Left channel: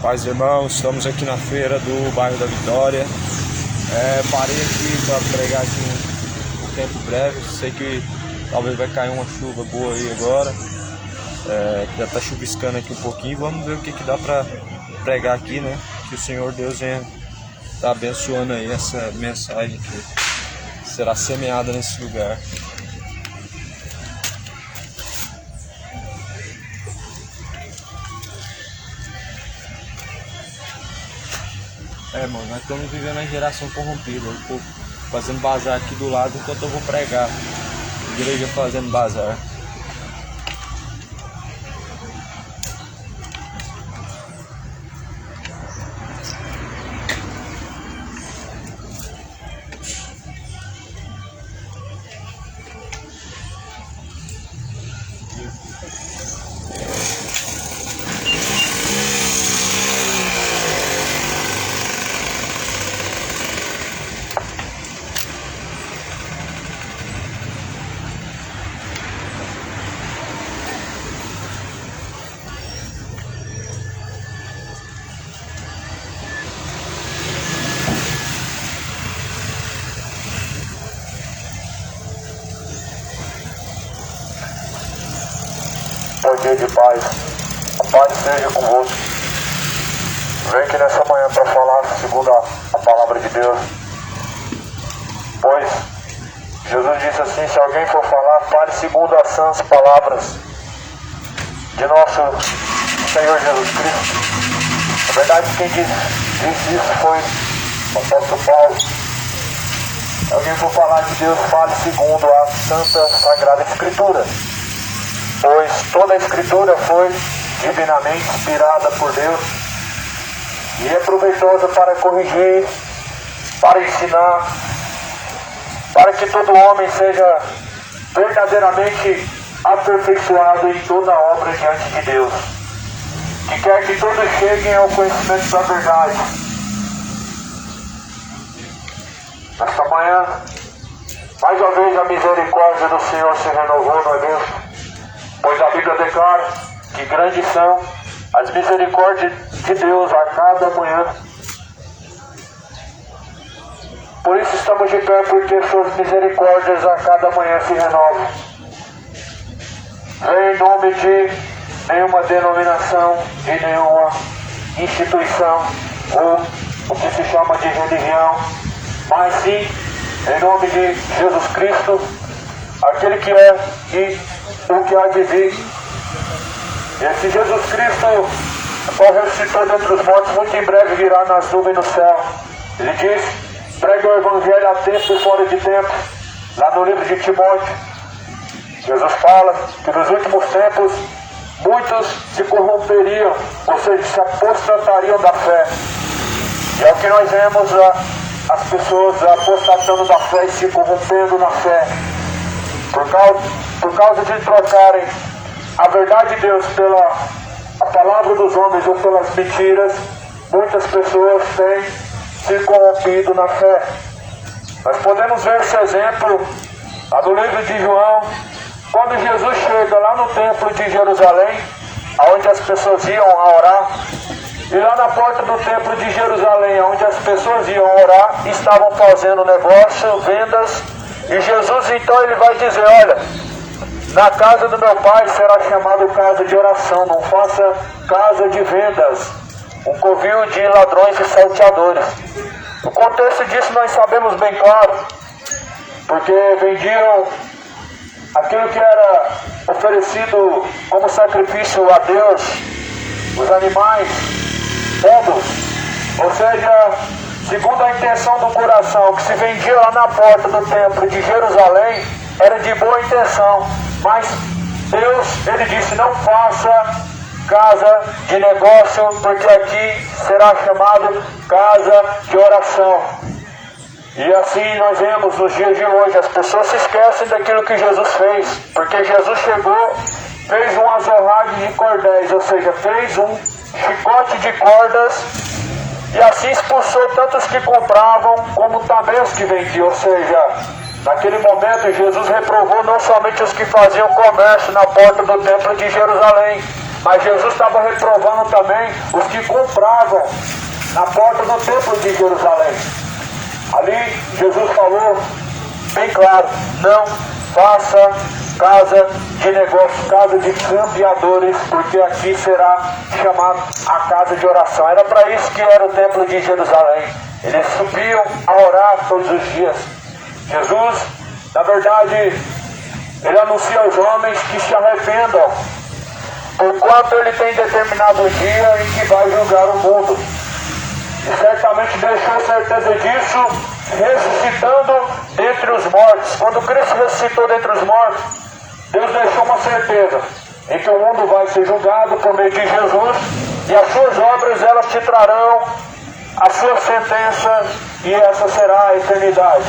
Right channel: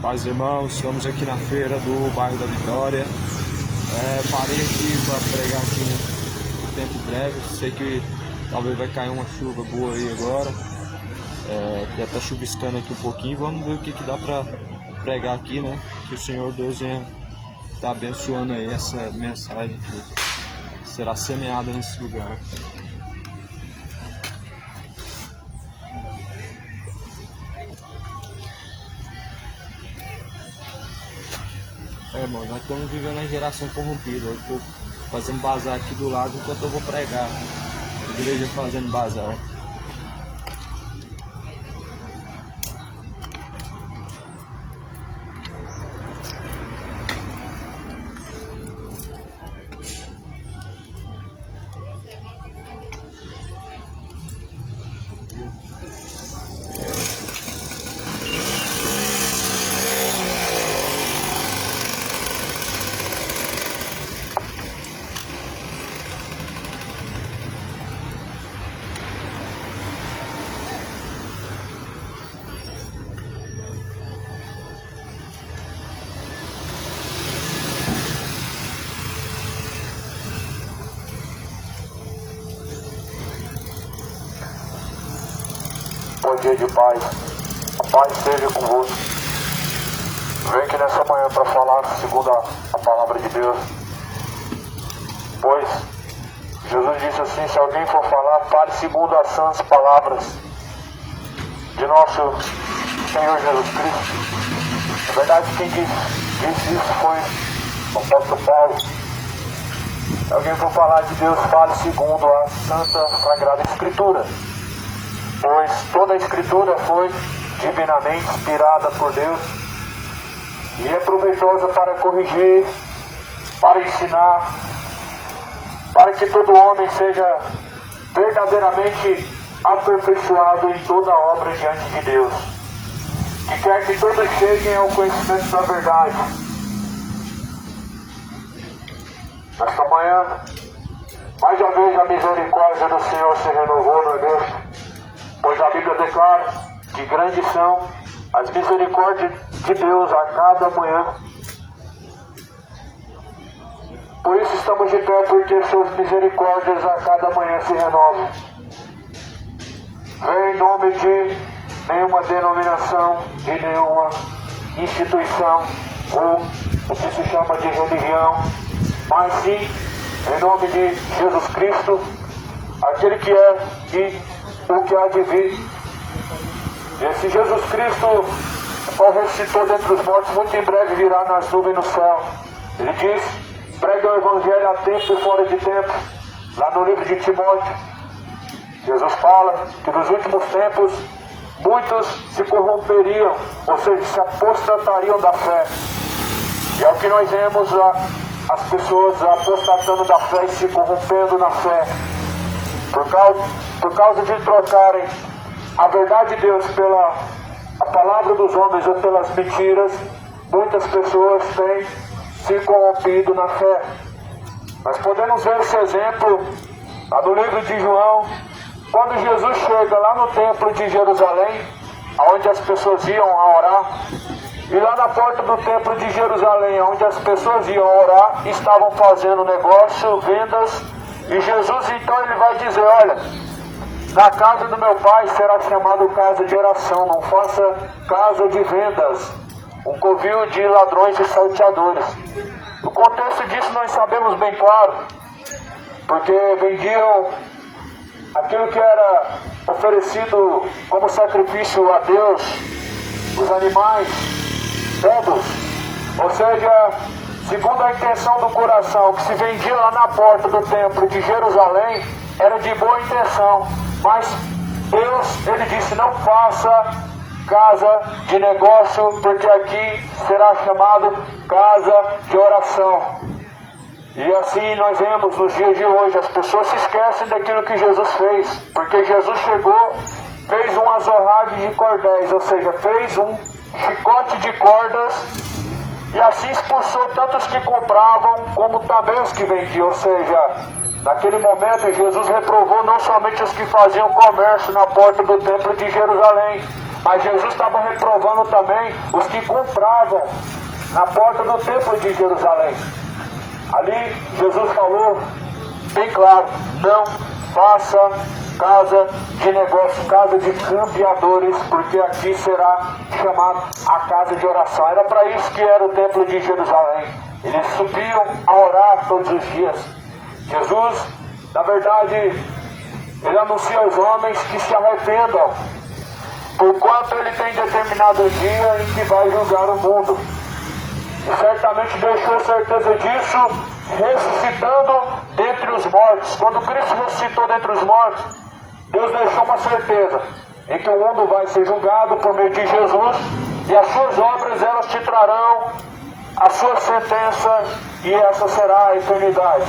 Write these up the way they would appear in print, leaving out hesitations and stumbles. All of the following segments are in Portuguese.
Paz, irmãos, estamos aqui na feira do bairro da Vitória. Parei aqui para pregar aqui um tempo breve. Sei que talvez vai cair uma chuva boa aí agora. Já está chuviscando aqui um pouquinho. Vamos ver o que dá para pregar aqui, né? Que o Senhor Deus venha estar abençoando aí essa mensagem que será semeada nesse lugar. Mano, nós estamos vivendo a geração corrompida. O povo fazendo bazar aqui do lado enquanto eu vou pregar. Igreja fazendo bazar. Bom dia de paz, a paz seja convosco. Venho aqui nessa manhã para falar segundo a palavra de Deus. Pois Jesus disse assim: se alguém for falar, fale segundo as sãs palavras de nosso Senhor Jesus Cristo. Na verdade, quem disse isso foi o apóstolo Paulo. Se alguém for falar de Deus, fale segundo a Santa Sagrada Escritura. Pois toda a Escritura foi divinamente inspirada por Deus e é proveitosa para corrigir, para ensinar, para que todo homem seja verdadeiramente aperfeiçoado em toda obra diante de Deus, que quer que todos cheguem ao conhecimento da verdade. Nesta manhã, mais uma vez a misericórdia do Senhor se renovou, não é mesmo? Pois a Bíblia declara que grandes são as misericórdias de Deus a cada manhã. Por isso estamos de pé, porque suas misericórdias a cada manhã se renovam. Vem em nome de nenhuma denominação, de nenhuma instituição, ou o que se chama de religião, mas sim em nome de Jesus Cristo, aquele que é e o que há de vir. Esse Jesus Cristo, qual ressuscitou dentre os mortos, muito em breve virá nas nuvens no céu. Ele diz: pregue o evangelho a tempo e fora de tempo. Lá no livro de Timóteo, Jesus fala que nos últimos tempos muitos se corromperiam, ou seja, se apostatariam da fé. E é o que nós vemos, as pessoas apostatando da fé e se corrompendo na fé. Por causa de trocarem a verdade de Deus pela a palavra dos homens ou pelas mentiras, muitas pessoas têm se corrompido na fé. Nós podemos ver esse exemplo lá no livro de João, quando Jesus chega lá no templo de Jerusalém, onde as pessoas iam a orar, e lá na porta do templo de Jerusalém, onde as pessoas iam orar, estavam fazendo negócio, vendas. E Jesus então ele vai dizer: olha, na casa do meu pai será chamado casa de oração, não faça casa de vendas, um covil de ladrões e salteadores. O contexto disso nós sabemos bem claro, porque vendiam aquilo que era oferecido como sacrifício a Deus, os animais, todos, ou seja, segundo a intenção do coração, que se vendia lá na porta do templo de Jerusalém, era de boa intenção, mas Deus, ele disse: não faça casa de negócio, porque aqui será chamado casa de oração. E assim nós vemos nos dias de hoje, as pessoas se esquecem daquilo que Jesus fez, porque Jesus chegou, fez um azorragem de cordéis, ou seja, fez um chicote de cordas, e assim expulsou tantos que compravam como também os que vendiam. Ou seja, naquele momento Jesus reprovou não somente os que faziam comércio na porta do templo de Jerusalém, Mas Jesus estava reprovando também os que compravam na porta do templo de Jerusalém. Ali Jesus falou bem claro: não faça casa de negócio, casa de cambiadores, porque aqui será chamado a casa de oração. Era para isso que era o templo de Jerusalém. Eles subiam a orar todos os dias. Jesus, na verdade, ele anuncia aos homens que se arrependam, porquanto ele tem determinado o dia em que vai julgar o mundo. E certamente deixou certeza disso, ressuscitando dentre os mortos. Quando Cristo ressuscitou dentre os mortos, Deus deixou uma certeza em que o mundo vai ser julgado por meio de Jesus, e as suas obras, elas te trarão a sua sentença, e essa será a eternidade.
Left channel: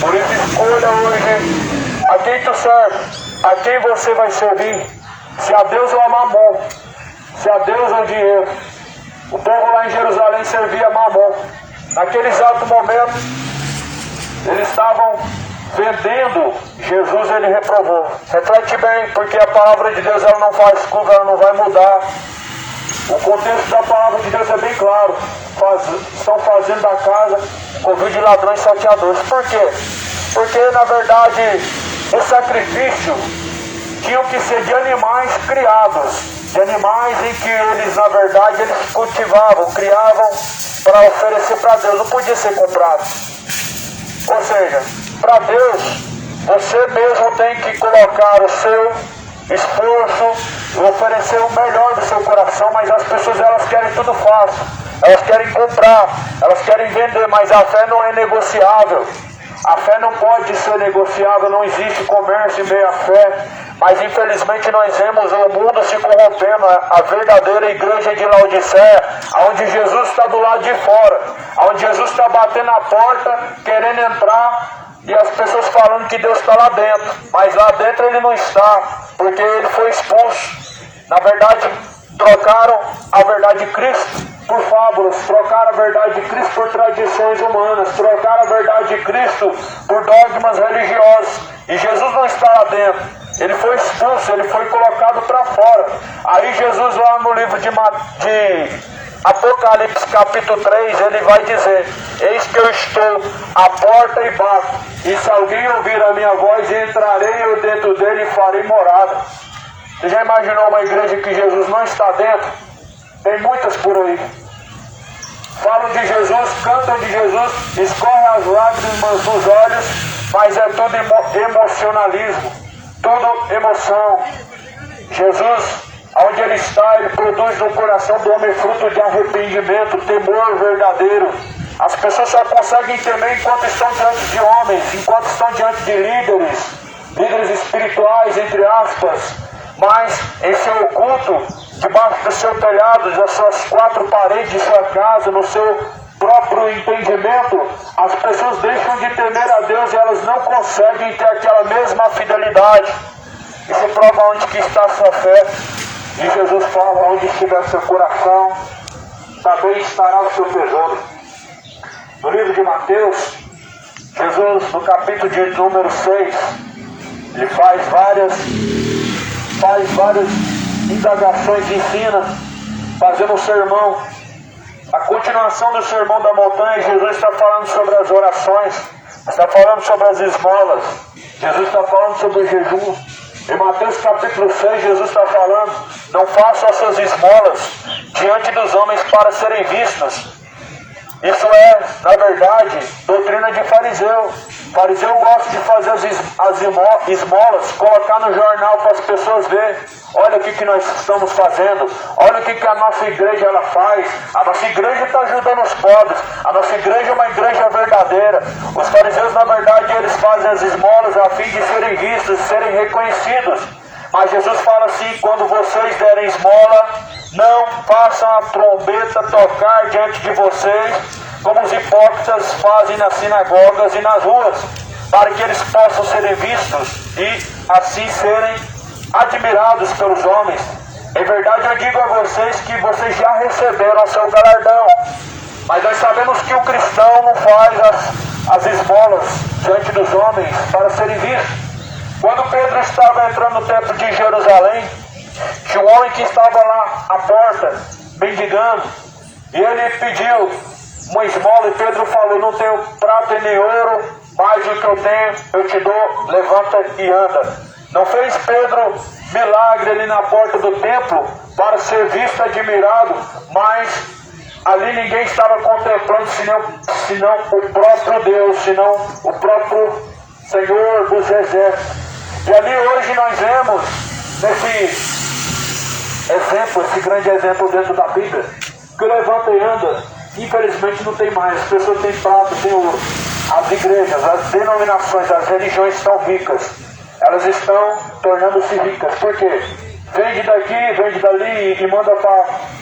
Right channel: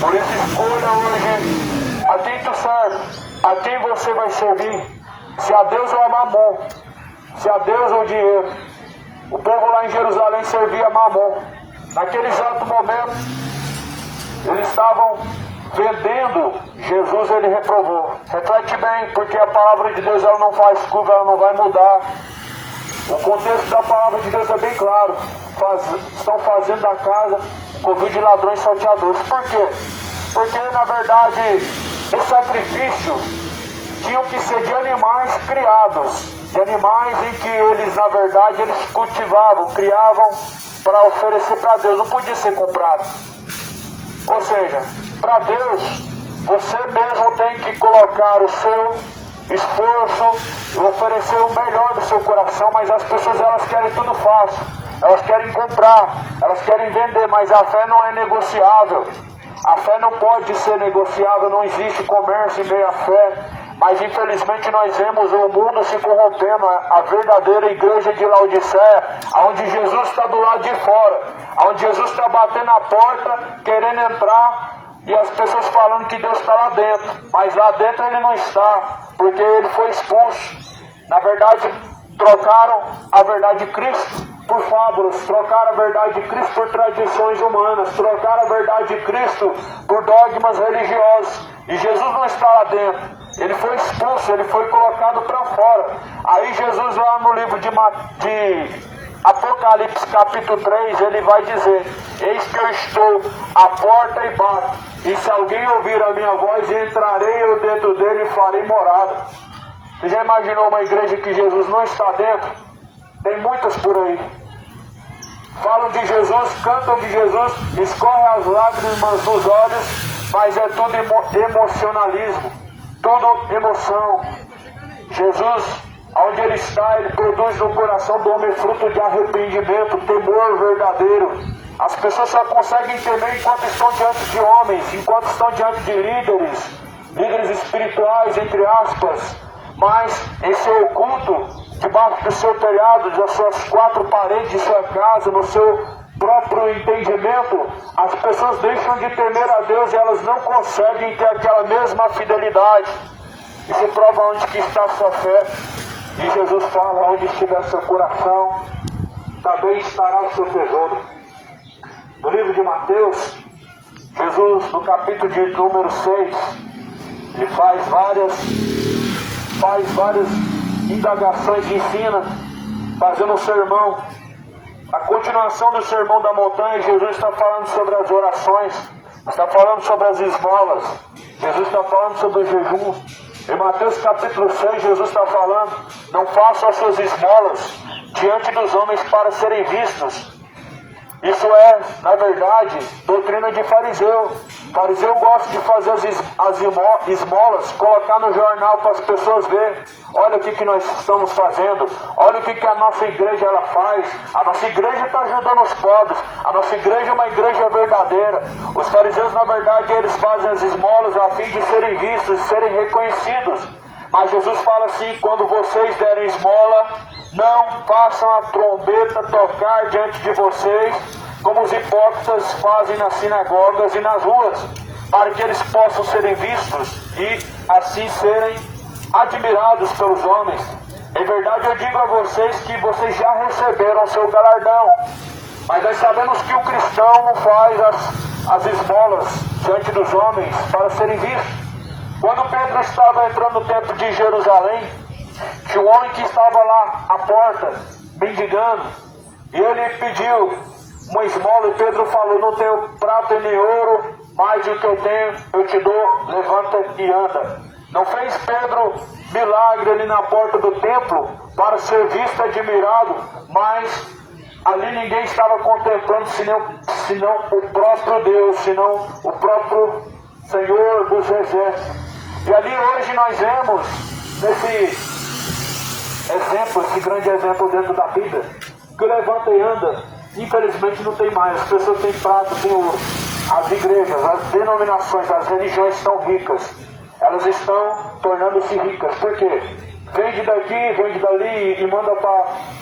Por isso, escolha hoje a quem tu serve, a quem você vai servir, se a Deus ou a Mamon, se a Deus ou dinheiro. O povo lá em Jerusalém servia Mamon. Naquele exato momento, eles estavam vendendo Jesus, ele reprovou. Reflete bem, porque a palavra de Deus, ela não faz curva, ela não vai mudar. O contexto da palavra de Deus é bem claro. Estão fazendo da casa covil de ladrões e salteadores. Por quê? Porque, na verdade, o sacrifício tinham que ser de animais criados, de animais em que eles, na verdade, eles cultivavam, criavam para oferecer para Deus. Não podia ser comprado. Ou seja, para Deus, você mesmo tem que colocar o seu esforço, oferecer o melhor do seu coração, mas as pessoas, elas querem tudo fácil. Elas querem comprar, elas querem vender, mas a fé não é negociável. A fé não pode ser negociável, não existe comércio em meio à fé. Mas infelizmente nós vemos o mundo se corrompendo, a verdadeira igreja de Laodiceia, onde Jesus está do lado de fora, onde Jesus está batendo a porta, querendo entrar, e as pessoas falando que Deus está lá dentro, mas lá dentro ele não está, porque ele foi expulso. Na verdade, trocaram a verdade de Cristo por fábulas, trocaram a verdade de Cristo por tradições humanas, trocaram a verdade de Cristo por dogmas religiosos, e Jesus não está lá dentro. Ele foi expulso, ele foi colocado para fora. Aí Jesus, lá no livro de Apocalipse capítulo 3, ele vai dizer: eis que eu estou à porta e bato, e se alguém ouvir a minha voz, entrarei eu dentro dele e farei morada. Você já imaginou uma igreja que Jesus não está dentro? Tem muitas por aí. Falam de Jesus, cantam de Jesus, escorrem as lágrimas dos olhos, mas é tudo emocionalismo, tudo emoção. Jesus, onde ele está, ele produz no coração do homem fruto de arrependimento, temor verdadeiro. As pessoas só conseguem temer enquanto estão diante de homens, enquanto estão diante de líderes espirituais, entre aspas, mas em seu oculto, debaixo do seu telhado, das suas quatro paredes de sua casa, no seu próprio entendimento, as pessoas deixam de temer a Deus e elas não conseguem ter aquela mesma fidelidade. E se prova onde que está a sua fé. E Jesus fala: onde estiver seu coração, também estará o seu tesouro. No livro de Mateus, Jesus, no capítulo de número 6, ele faz várias indagações, ensina, fazendo um sermão. A continuação do sermão da montanha, Jesus está falando sobre as orações, está falando sobre as esmolas, Jesus está falando sobre o jejum. Em Mateus capítulo 6, Jesus está falando: não façam as suas esmolas diante dos homens para serem vistos. Isso é, na verdade, doutrina de fariseu. Fariseu gosta de fazer as esmolas, colocar no jornal para as pessoas verem. Olha o que nós estamos fazendo, olha o que a nossa igreja ela faz. A nossa igreja está ajudando os pobres, a nossa igreja é uma igreja verdadeira. Os fariseus, na verdade, eles fazem as esmolas a fim de serem vistos, de serem reconhecidos. Mas Jesus fala assim: quando vocês derem esmola, não façam a trombeta tocar diante de vocês, como os hipócritas fazem nas sinagogas e nas ruas, para que eles possam serem vistos e assim serem admirados pelos homens. Em verdade, eu digo a vocês que vocês já receberam seu galardão. Mas nós sabemos que o cristão não faz as esmolas diante dos homens para serem vistos. Quando Pedro estava entrando no templo de Jerusalém, Tinha um homem que estava lá à porta, mendigando, e ele pediu uma esmola, e Pedro falou: não tenho prata nem ouro, mas o que eu tenho eu te dou, levanta e anda. Não fez Pedro milagre ali na porta do templo para ser visto e admirado, mas ali ninguém estava contemplando senão o próprio Deus, senão o próprio Senhor dos Exércitos. E ali hoje nós vemos nesse exemplo, esse grande exemplo dentro da Bíblia, que o levanta e anda, infelizmente não tem mais. As pessoas têm prata, têm ouro. As igrejas, as denominações, as religiões estão ricas. Elas estão tornando-se ricas. Por quê? Vende daqui, vende dali e manda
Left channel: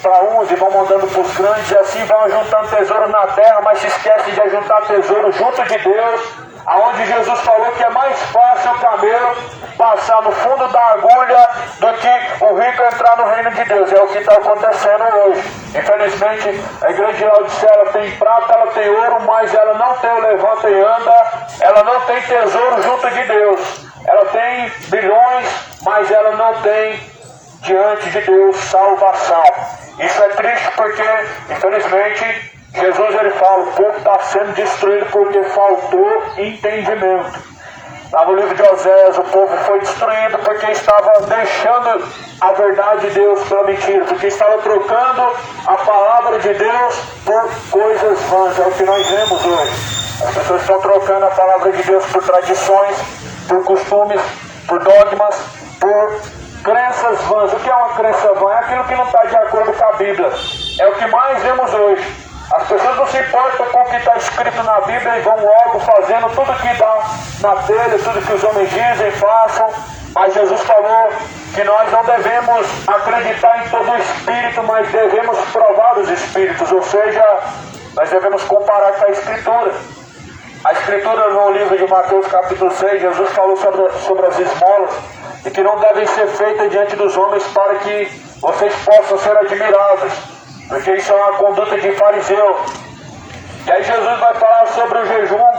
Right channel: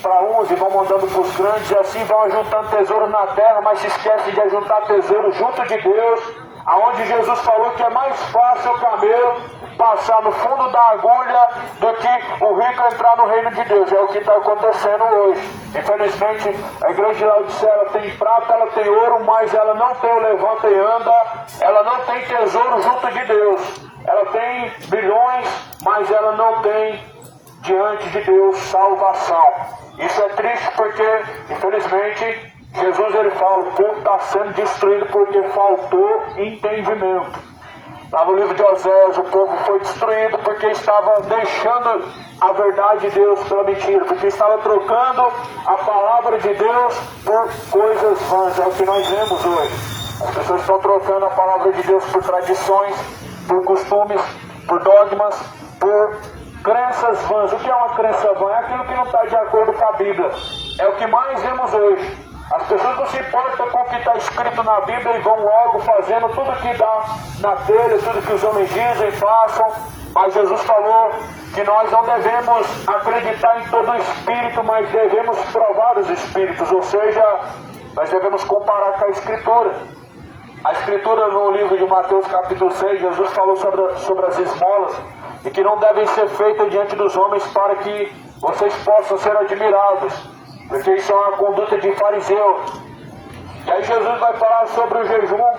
para uns e vão mandando para os grandes, e assim vão juntando tesouro na terra, mas se esquecem de juntar tesouro junto de Deus, aonde Jesus falou que é mais fácil o camelo passar no fundo da agulha do que o rico entrar no reino de Deus. É o que está acontecendo hoje. Infelizmente, a igreja de Laodiceia, ela tem prata, ela tem ouro, mas ela não tem o levanta e anda, ela não tem tesouro junto de Deus. Ela tem bilhões, mas ela não tem diante de Deus salvação. Isso é triste porque, infelizmente, Jesus ele fala: o povo está sendo destruído porque faltou entendimento. Lá no livro de Oséias, o povo foi destruído porque estava deixando a verdade de Deus pela mentira, porque estava trocando a palavra de Deus por coisas vãs. É o que nós vemos hoje. As pessoas estão trocando a palavra de Deus por tradições, por costumes, por dogmas, por crenças vãs. O que é uma crença vã? É aquilo que não está de acordo com a Bíblia. É o que mais vemos hoje. As pessoas não se importam com o que está escrito na Bíblia e vão logo fazendo tudo que dá na telha, tudo que os homens dizem, façam. Mas Jesus falou que nós não devemos acreditar em todo o espírito, mas devemos provar os espíritos. Ou seja, nós devemos comparar com a Escritura. A Escritura, no livro de Mateus capítulo 6, Jesus falou sobre as esmolas e que não devem ser feitas diante dos homens para que vocês possam ser admirados, porque isso é uma conduta de fariseu. E aí Jesus vai falar sobre o jejum,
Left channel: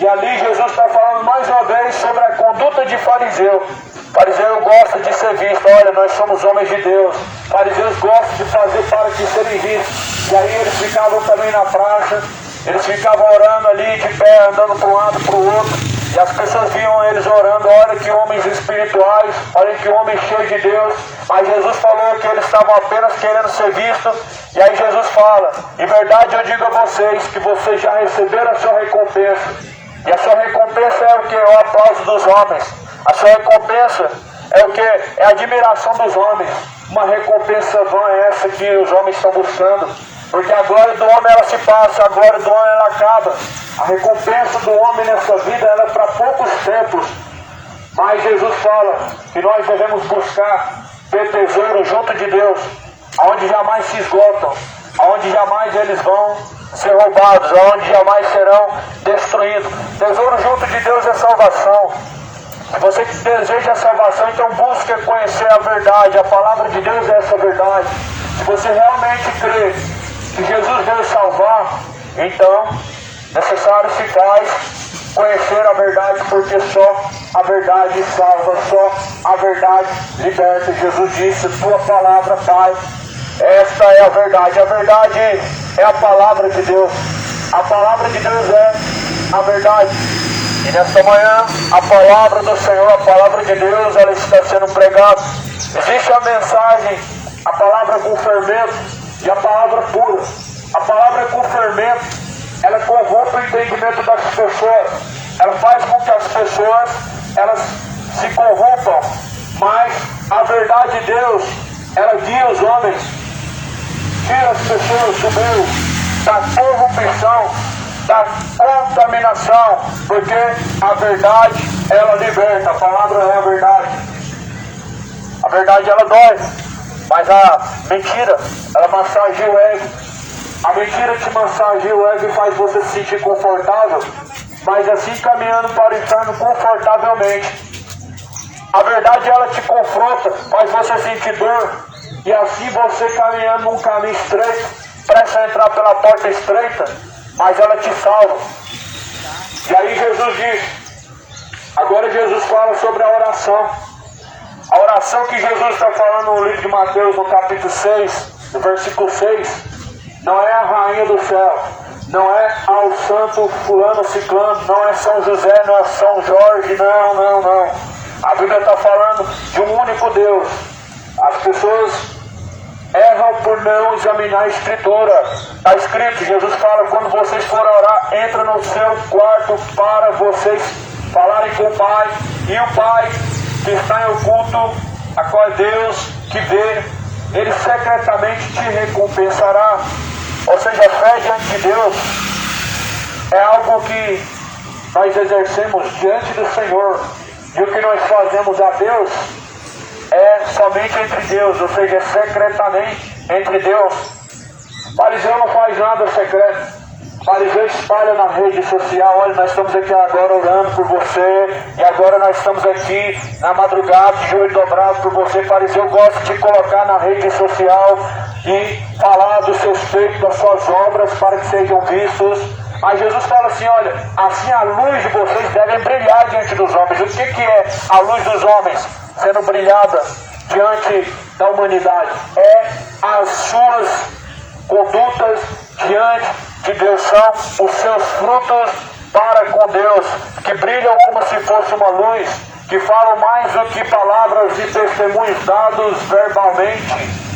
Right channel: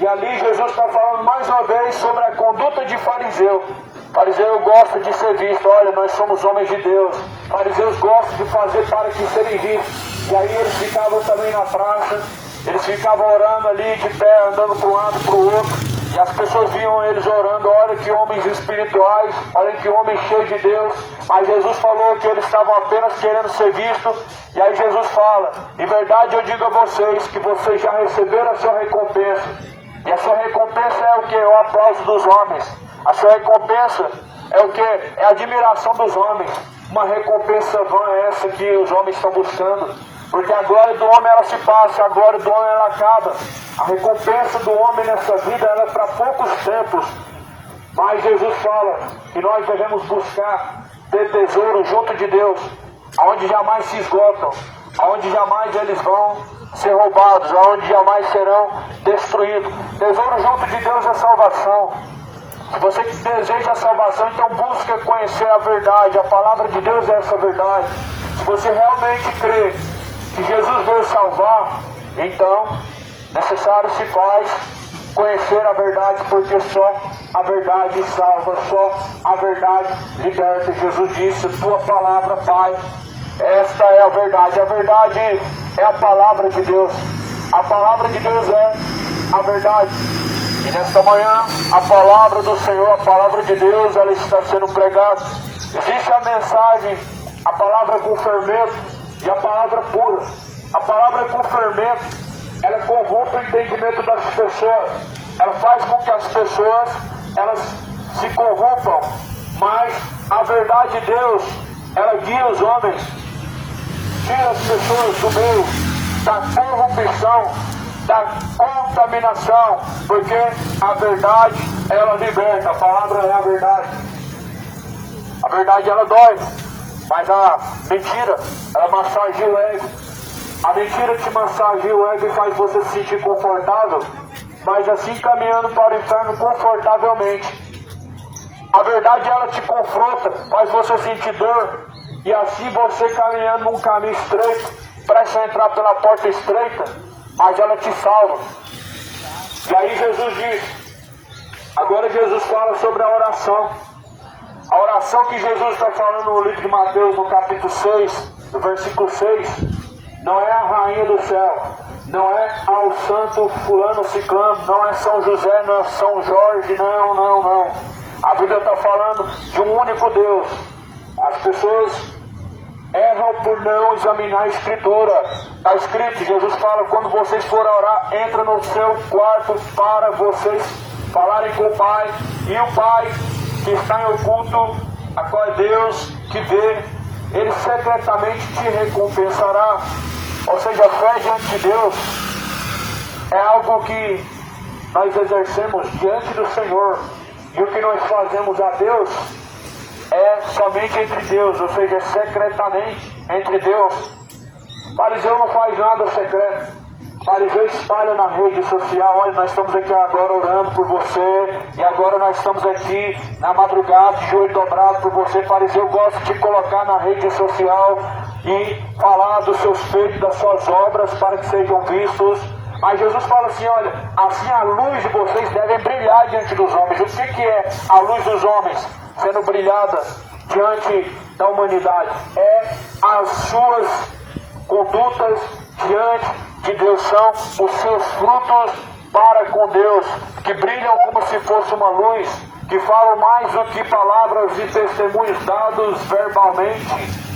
e ali Jesus está falando mais uma vez sobre a conduta de fariseu. Fariseu gosta de ser visto. Olha, nós somos homens de Deus. Fariseus gostam de fazer para que serem vistos. E aí eles ficavam também na praça, eles ficavam orando ali de pé, andando para um lado para o outro. E as pessoas viam eles orando: olha que homens espirituais, olha que homens cheios de Deus. Mas Jesus falou que eles estavam apenas querendo ser vistos. E aí Jesus fala: em verdade eu digo a vocês que vocês já receberam a sua recompensa. E a sua recompensa é o que? O aplauso dos homens. A sua recompensa é o que? É a admiração dos homens. Uma recompensa vã é essa que os homens estão buscando. Porque a glória do homem ela se passa, a glória do homem ela acaba. A recompensa do homem nessa vida era para poucos tempos. Mas Jesus fala que nós devemos buscar ter tesouro junto de Deus, aonde jamais se esgotam, aonde jamais eles vão ser roubados, aonde jamais serão destruídos. Tesouro junto de Deus é salvação. Se você deseja a salvação, então busque conhecer a verdade. A palavra de Deus é essa verdade. Se você realmente crê que Jesus veio salvar, então necessário se faz conhecer a verdade, porque só a verdade salva, só a verdade liberta. Jesus disse: tua palavra, Pai, esta é a verdade. A verdade é a palavra de Deus. A palavra de Deus é a verdade. E nesta manhã, a palavra do Senhor, a palavra de Deus, ela está sendo pregada. Existe a mensagem, a palavra com fermento e a palavra pura. A palavra com fermento, ela corrompe o entendimento das pessoas. Ela faz com que as pessoas, elas se corrompam. Mas a verdade de Deus, ela guia os homens, tira as pessoas do meio da corrupção, da contaminação, porque a verdade, ela liberta. A palavra é a verdade. A verdade, ela dói, mas a mentira, ela massageia o ego. A mentira te massageia o ego e faz você se sentir confortável, mas assim caminhando para o inferno confortavelmente. A verdade, ela te confronta, faz você sentir dor, e assim você caminhando num caminho estreito, presta a entrar pela porta estreita, mas ela te salva. E aí Jesus diz, agora Jesus fala sobre a oração. A oração que Jesus está falando no livro de Mateus, no capítulo 6, no versículo 6, não é a rainha do céu, não é ao santo fulano ciclano, não é São José, não é São Jorge, não. A Bíblia está falando de um único Deus. As pessoas erram por não examinar a Escritura. Está escrito, Jesus fala, quando vocês forem orar, entra no seu quarto para vocês falarem com o Pai, e o Pai que está em oculto, a qual é Deus que vê, Ele secretamente te recompensará. Ou seja, a fé diante de Deus é algo que nós exercemos diante do Senhor, e o que nós fazemos a Deus é somente entre Deus, ou seja, secretamente entre Deus. Fariseu não faz nada secreto. Fariseu espalha na rede social, olha, nós estamos aqui agora orando por você, e agora nós estamos aqui na madrugada, de joelho dobrado por você. Fariseu gosta de colocar na rede social e falar dos seus feitos, das suas obras, para que sejam vistos. Mas Jesus fala assim, olha, assim a luz de vocês deve brilhar diante dos homens. O que é a luz dos homens sendo brilhada diante da humanidade? É as suas condutas diante de Deus, são os seus frutos para com Deus, que brilham como se fosse uma luz, que falam mais do que palavras e testemunhos dados verbalmente.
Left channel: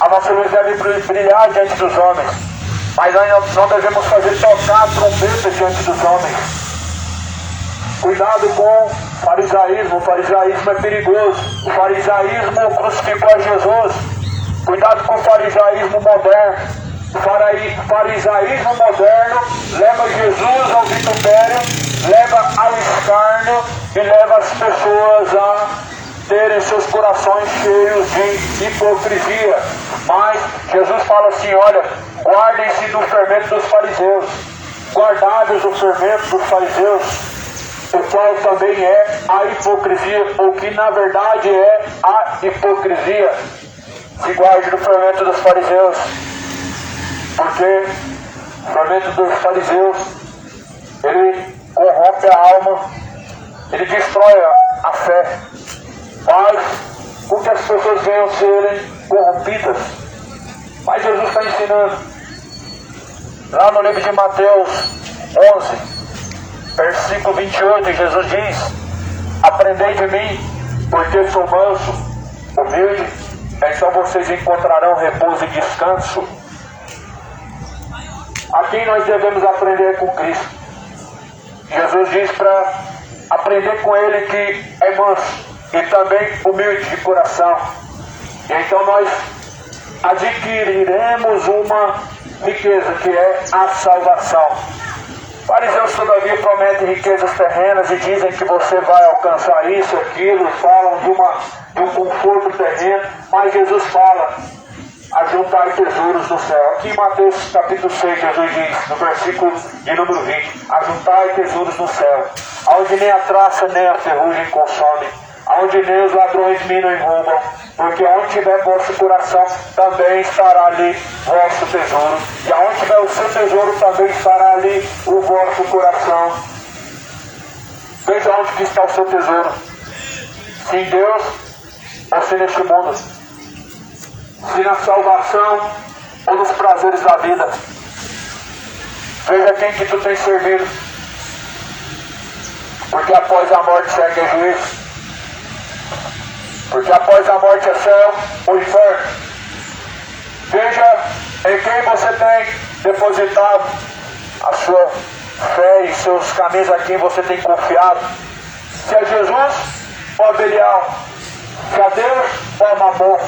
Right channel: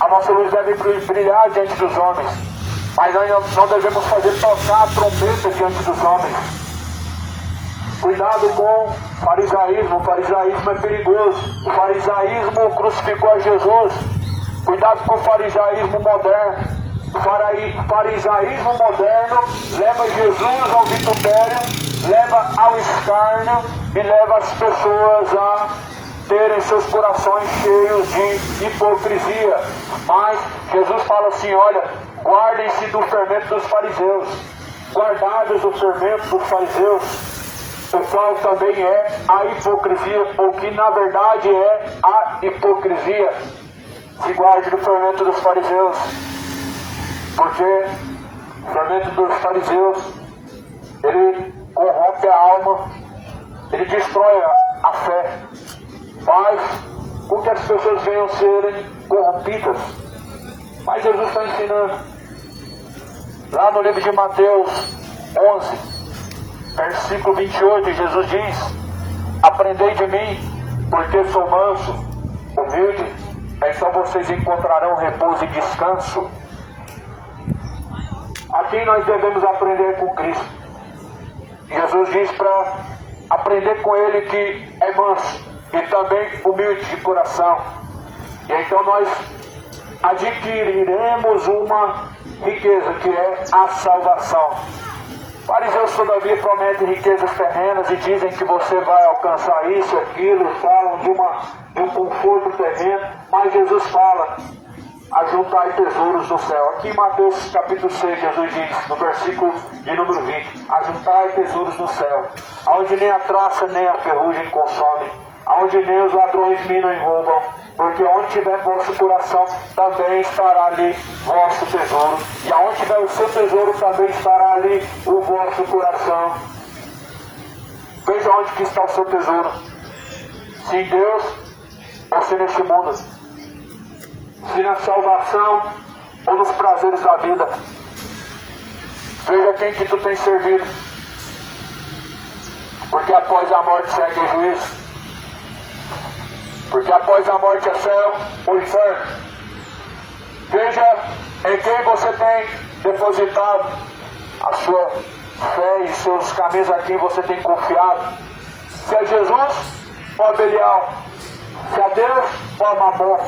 A nossa luz deve brilhar diante dos homens, mas nós não devemos fazer tocar a trombeta diante dos homens. Cuidado com o farisaísmo é perigoso. O farisaísmo crucificou a Jesus. Cuidado com o farisaísmo moderno. O farisaísmo moderno leva Jesus ao vitupério, leva ao escárnio e leva as pessoas a terem seus corações cheios de hipocrisia. Mas Jesus fala assim, olha, guardem-se do fermento dos fariseus, guardados do fermento dos fariseus, o qual também é a hipocrisia, ou que na verdade é a hipocrisia. Se guarde do fermento dos fariseus, porque o fermento dos fariseus, ele corrompe a alma, ele destrói a fé, faz com que as pessoas venham serem corrompidas. Mas Jesus está ensinando, lá no livro de Mateus 11, versículo 28, Jesus diz, aprendei de mim, porque sou manso, humilde, então vocês encontrarão repouso e descanso. Aqui nós devemos aprender com Cristo. Jesus diz para aprender com Ele que é manso e também humilde de coração. E então nós adquiriremos uma riqueza que é a salvação. Fariseus todavia prometem riquezas terrenas e dizem que você vai alcançar isso, aquilo, falam de um conforto terreno, mas Jesus fala, ajuntar tesouros no céu. Aqui em Mateus capítulo 6, Jesus diz, no versículo de número 20, ajuntar tesouros no céu, onde nem a traça nem a ferrugem consomem, onde nem os ladrões minam e roubam, porque onde tiver vosso coração, também estará ali vosso tesouro, e aonde tiver o seu tesouro, também estará ali o vosso coração. Veja onde que está o seu tesouro, se em Deus ou se neste mundo, se na salvação ou nos prazeres da vida. Veja quem que tu tem servido, porque após a morte segue o juízo, porque após a morte é céu ou inferno. Veja em quem você tem depositado a sua fé e seus caminhos, a quem você tem confiado, se é Jesus ou a Belial, se é Deus ou a Mamon.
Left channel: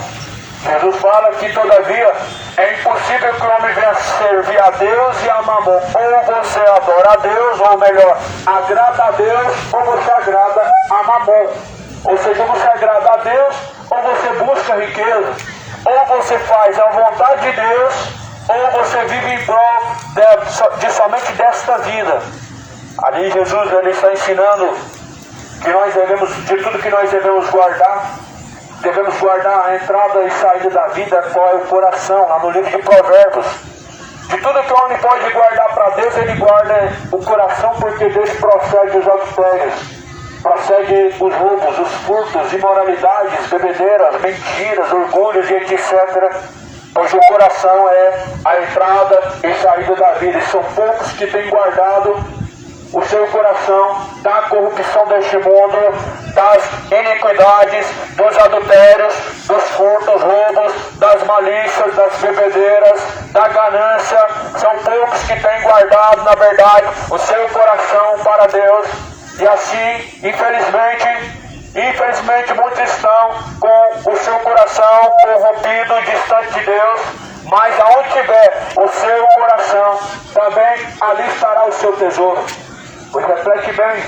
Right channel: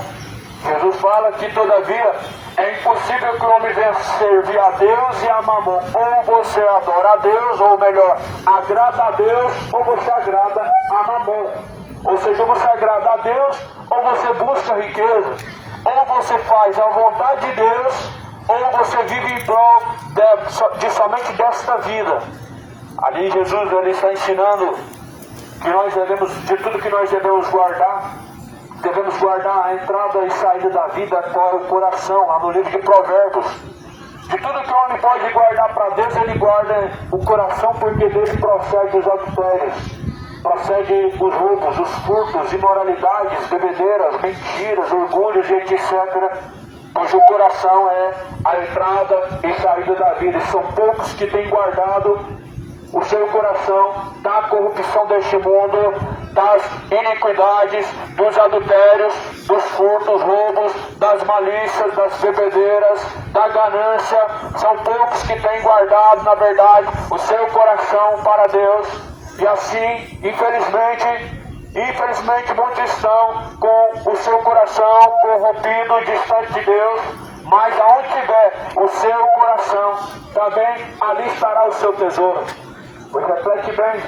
Jesus fala que todavia é impossível que o homem venha servir a Deus e a Mamon. Ou você adora a Deus, ou melhor, agrada a Deus, ou você agrada a Mamon. Ou seja, você agrada a Deus, ou você busca riqueza, ou você faz a vontade de Deus, ou você vive em prol de somente desta vida. Ali Jesus ele está ensinando que nós devemos, de tudo que nós devemos guardar a entrada e saída da vida, qual é o coração, lá no livro de Provérbios. De tudo que o homem pode guardar para Deus, ele guarda o coração, porque dele procede os adultérios. prossegue os roubos, os furtos, imoralidades, bebedeiras, mentiras, orgulhos e etc., pois o coração é a entrada e saída da vida, e são poucos que têm guardado o seu coração da corrupção deste mundo, das iniquidades, dos adultérios, dos furtos, roubos, das malícias, das bebedeiras, da ganância. São poucos que têm guardado, na verdade, o seu coração para Deus. E assim, infelizmente muitos estão com o seu coração corrompido, distante de Deus. Mas aonde tiver o seu coração, também ali estará o seu tesouro. Pois reflete bem,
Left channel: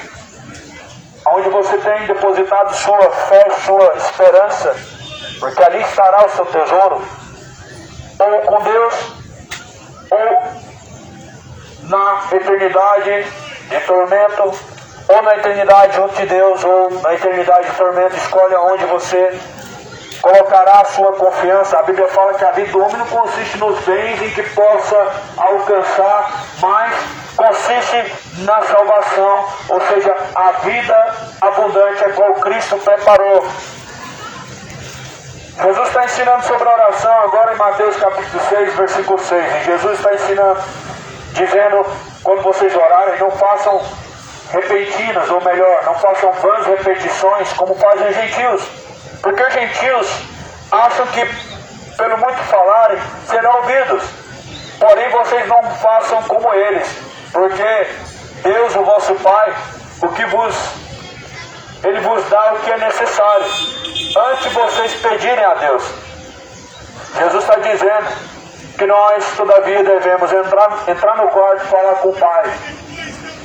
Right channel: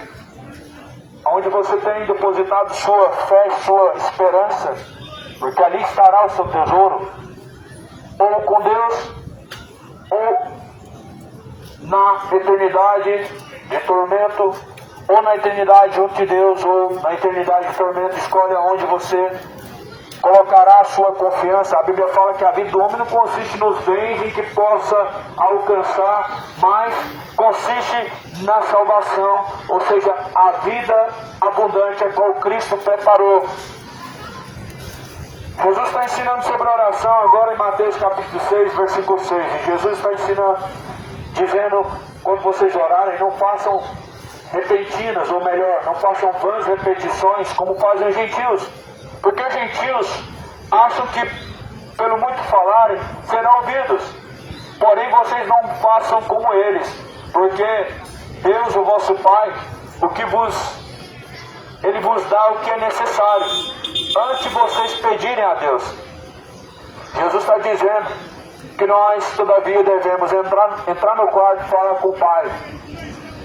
onde você tem depositado sua fé, sua esperança, porque ali estará o seu tesouro, ou com Deus, ou na eternidade de tormento, ou na eternidade junto de Deus, ou na eternidade de tormento. Escolhe onde você colocará a sua confiança. A Bíblia fala que a vida do homem não consiste nos bens em que possa alcançar, mas consiste na salvação, ou seja, a vida abundante a qual Cristo preparou. Jesus está ensinando sobre a oração agora em Mateus capítulo 6, versículo 6. E Jesus está ensinando, dizendo, quando vocês orarem, não façam repetidas, ou melhor, não façam vãs repetições como fazem os gentios. Porque os gentios acham que, pelo muito falarem, serão ouvidos. Porém, vocês não façam como eles. Porque Deus, o vosso Pai, Ele vos dá o que é necessário, antes de vocês pedirem a Deus. Jesus está dizendo que nós, todavia, devemos entrar no quarto e falar com o Pai.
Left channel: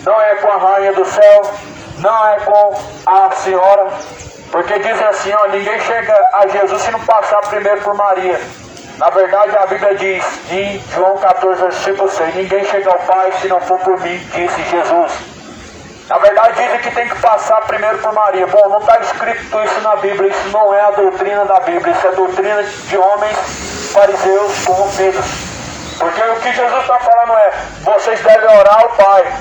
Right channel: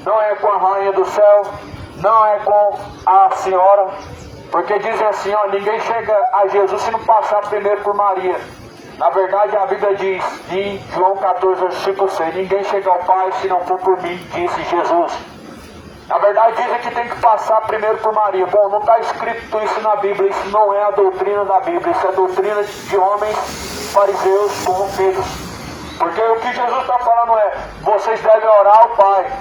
Não é com a rainha do céu, não é com a senhora, porque diz assim, ó, ninguém chega a Jesus se não passar primeiro por Maria. Na verdade, a Bíblia diz, em João 14, versículo 6, ninguém chega ao Pai se não for por mim, disse Jesus. Na verdade, dizem que tem que passar primeiro por Maria. Bom, não está escrito isso na Bíblia, isso não é a doutrina da Bíblia, isso é a doutrina de homens fariseus corrompidos. Porque o que Jesus está falando é, vocês devem orar ao Pai.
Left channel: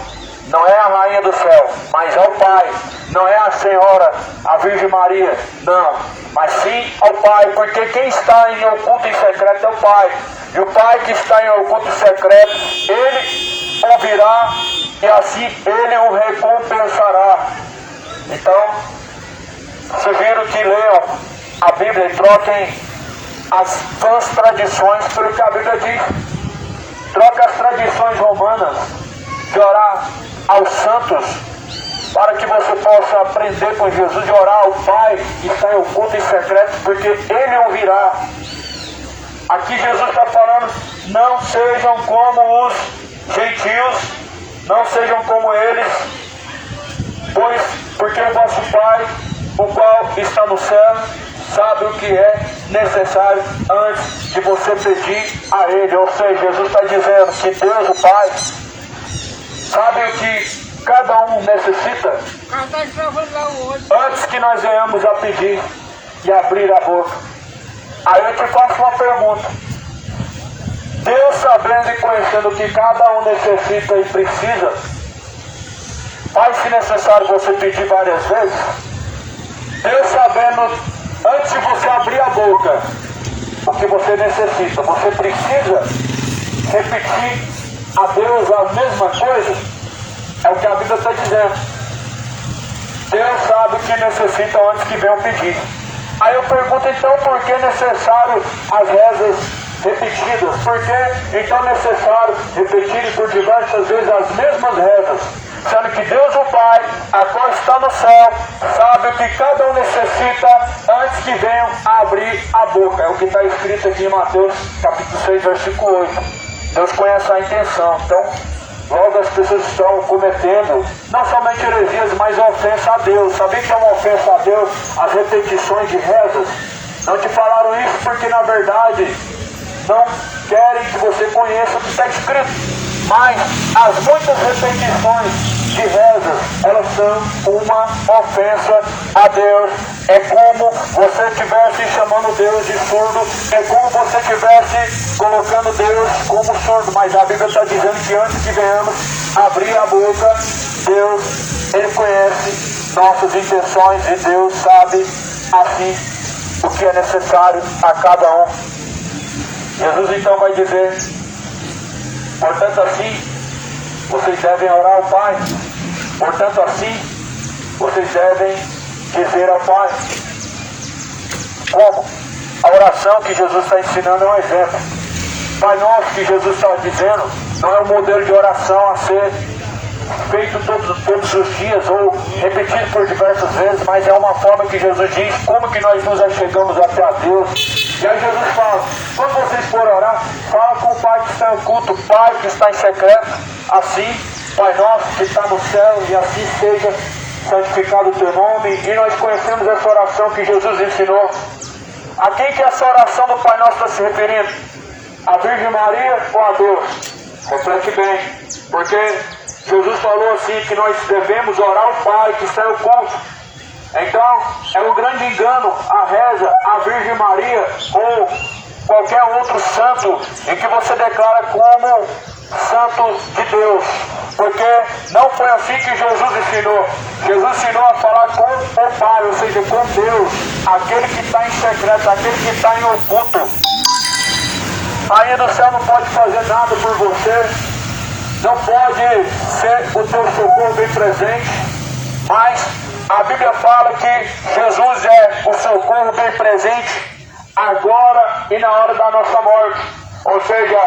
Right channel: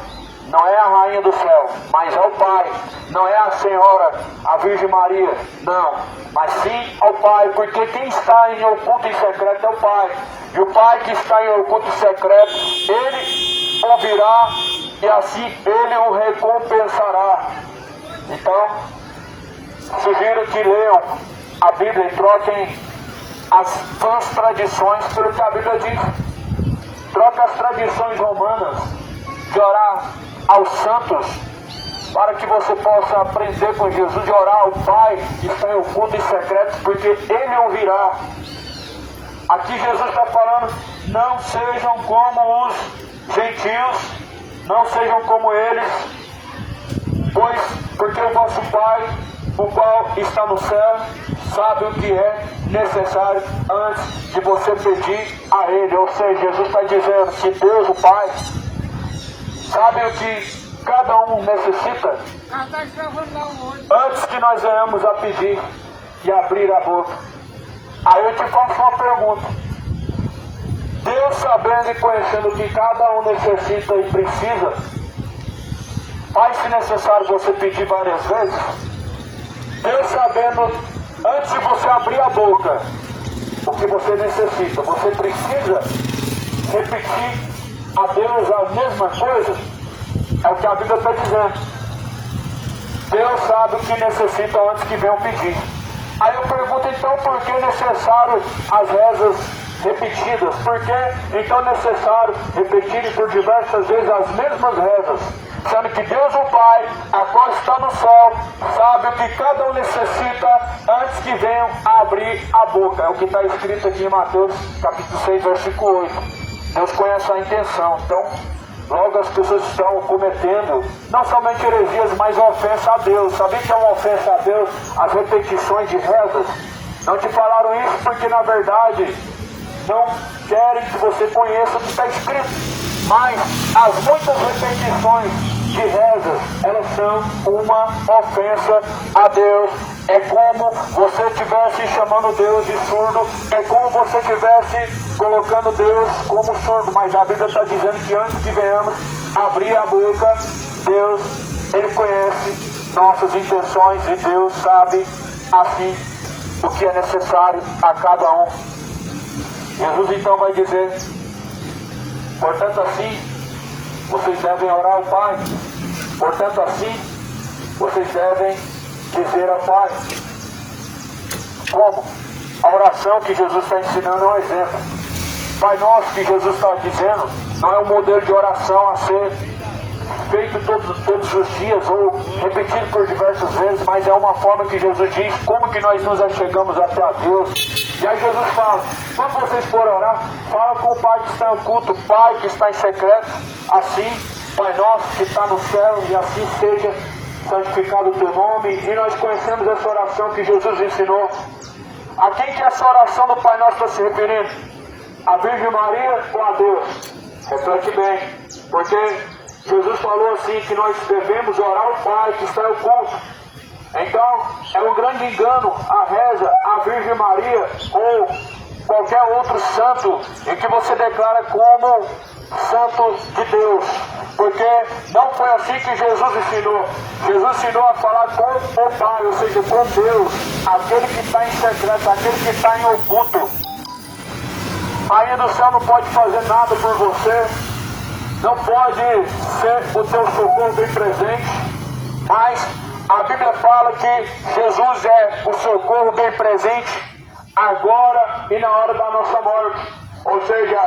Não é a rainha do céu, mas ao Pai. Não é a Senhora, a Virgem Maria, não. Mas sim ao Pai, porque quem está em oculto e secreto é o Pai. E o Pai que está em oculto e secreto, Ele ouvirá e assim Ele o recompensará. Então, sugiro que leiam a Bíblia e troquem as vãs tradições pelo que a Bíblia diz. Troque as tradições romanas de orar aos santos, para que você possa aprender com Jesus de orar ao Pai que está em oculto e secreto, porque Ele ouvirá. Aqui Jesus está falando, não sejam como os gentios, não sejam como eles, porque o vosso Pai, o qual está no céu, sabe o que é necessário antes de você pedir a Ele. Ou seja, Jesus está dizendo que Deus, o Pai, sabe o que cada um necessita antes que nós venhamos a pedir e abrir a boca. Aí eu te faço uma pergunta. Deus, sabendo e conhecendo o que cada um necessita e precisa, faz-se necessário você pedir várias vezes? Deus, sabendo, antes de você abrir a boca, o que você necessita, você precisa repetir a Deus a mesma coisa? É o que a Bíblia está dizendo. Deus sabe o que necessitam antes que venham pedir. Aí eu pergunto, então, por que é necessário as rezas repetidas? Por que então é necessário repetir por diversas vezes as mesmas rezas? Sendo que Deus, o Pai, a qual está no céu, sabe o que cada um necessita antes que venham a abrir a boca. É o que está escrito aqui em Mateus capítulo 6, versículo 8. Deus conhece a intenção. Então, logo as pessoas estão cometendo não somente heresias, mas ofensa a Deus. Sabia que é uma ofensa a Deus as repetições de rezas? Não te falaram isso porque na verdade não querem que você conheça o que está escrito. Mas as muitas repetições de rezas, elas são uma ofensa a Deus. É como você estivesse chamando Deus de surdo, é como você estivesse colocando Deus como surdo. Mas a Bíblia está dizendo que antes que venhamos abrir a boca, Deus, Ele conhece nossas intenções e Deus sabe assim o que é necessário a cada um. Jesus então vai dizer: portanto assim, vocês devem orar ao Pai. Portanto assim, vocês devem dizer ao Pai. Como? A oração que Jesus está ensinando é um exemplo. Pai Nosso que Jesus está dizendo não é um modelo de oração a ser feito todos os dias ou repetido por diversas vezes, mas é uma forma que Jesus diz como que nós nos achegamos até a Deus. E aí Jesus fala: quando vocês forem orar, fala com o Pai que está em oculto, o Pai que está em secreto. Assim, Pai Nosso que está no céu, e assim seja santificado o teu nome. E nós conhecemos essa oração que Jesus ensinou. A quem que essa oração do Pai Nosso está se referindo? A Virgem Maria ou a Deus? Reflete bem, porque Jesus falou assim que nós devemos orar ao Pai que está em oculto. Então, é um grande engano a reza a Virgem Maria ou qualquer outro santo em que você declara como santos de Deus. Porque não foi assim que Jesus ensinou. Jesus ensinou a falar com o Pai, ou seja, com Deus, aquele que está em secreto, aquele que está em oculto. A rainha do céu não pode fazer nada por você. Não pode ser o teu socorro bem presente, mas a Bíblia fala que Jesus é o socorro bem presente agora e na hora da nossa morte. Ou seja,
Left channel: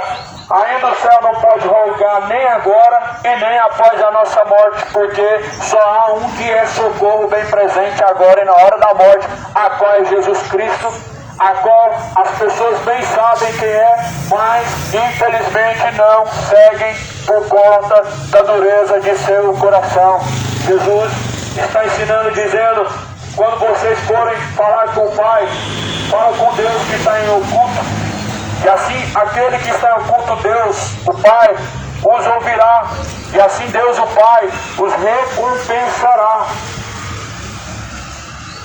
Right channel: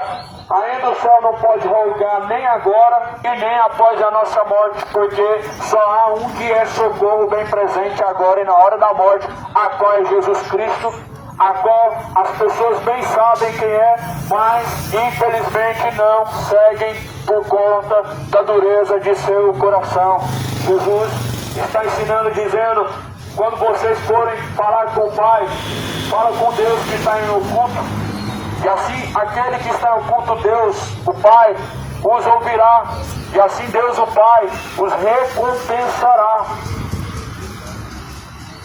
a rainha do céu não pode rogar nem agora e nem após a nossa morte, porque só há um que é socorro bem presente agora e na hora da morte, a qual é Jesus Cristo, a qual as pessoas bem sabem quem é, mas infelizmente não seguem por conta da dureza de seu coração. Jesus está ensinando, dizendo: quando vocês forem falar com o Pai, fala com Deus que está em oculto, e assim aquele que está em oculto, Deus, o Pai, os ouvirá, e assim Deus, o Pai, os recompensará.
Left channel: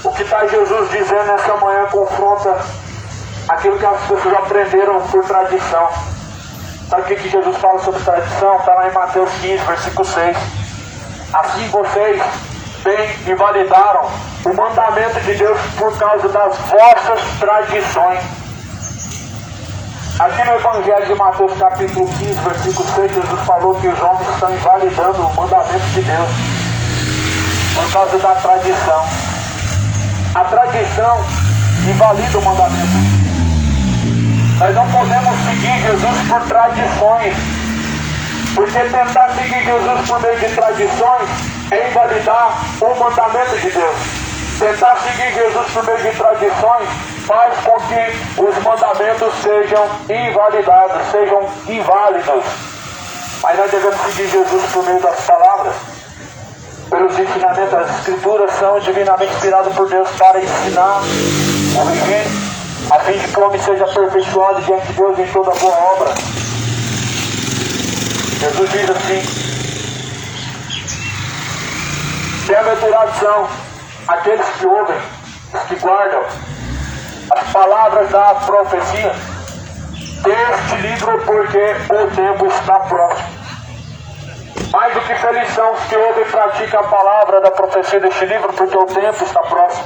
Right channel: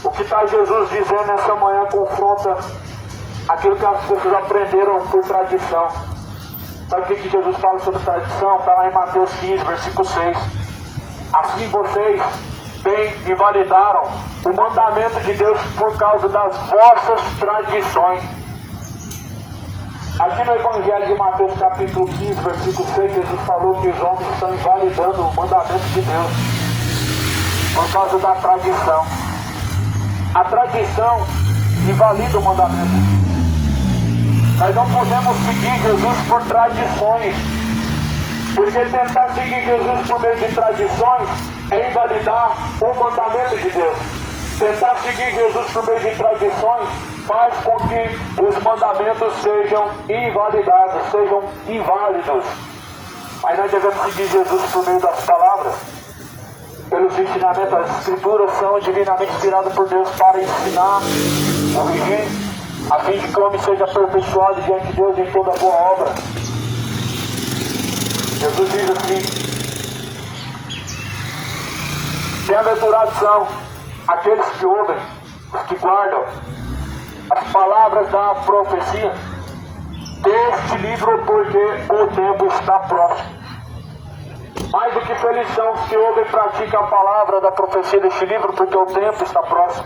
O que está Jesus dizendo nessa manhã confronta aquilo que as pessoas aprenderam por tradição. Sabe o que Jesus fala sobre tradição? Está lá em Mateus 15, versículo 6. Assim vocês bem invalidaram o mandamento de Deus por causa das vossas tradições. Aqui no Evangelho de Mateus capítulo 15, versículo 6, Jesus falou que os homens estão invalidando o mandamento de Deus por causa da tradição. A tradição invalida o mandamento. Nós não podemos seguir Jesus por tradições, porque tentar seguir Jesus por meio de tradições é invalidar o mandamento de Deus. Tentar seguir Jesus por meio de tradições faz com que os mandamentos sejam invalidados, sejam inválidos. Mas nós devemos seguir Jesus por meio das palavras. Pelos ensinamentos, as Escrituras são divinamente inspiradas por Deus para ensinar, corrigir, a fim de que o homem seja aperfeiçoado diante de Deus em toda boa obra. Jesus diz assim: bem-aventurados são aqueles que ouvem, os que guardam as palavras da profecia deste livro, porque o tempo está próximo. Mais do que felizes são os que ouvem e praticam a palavra da profecia deste livro, porque o tempo está próximo.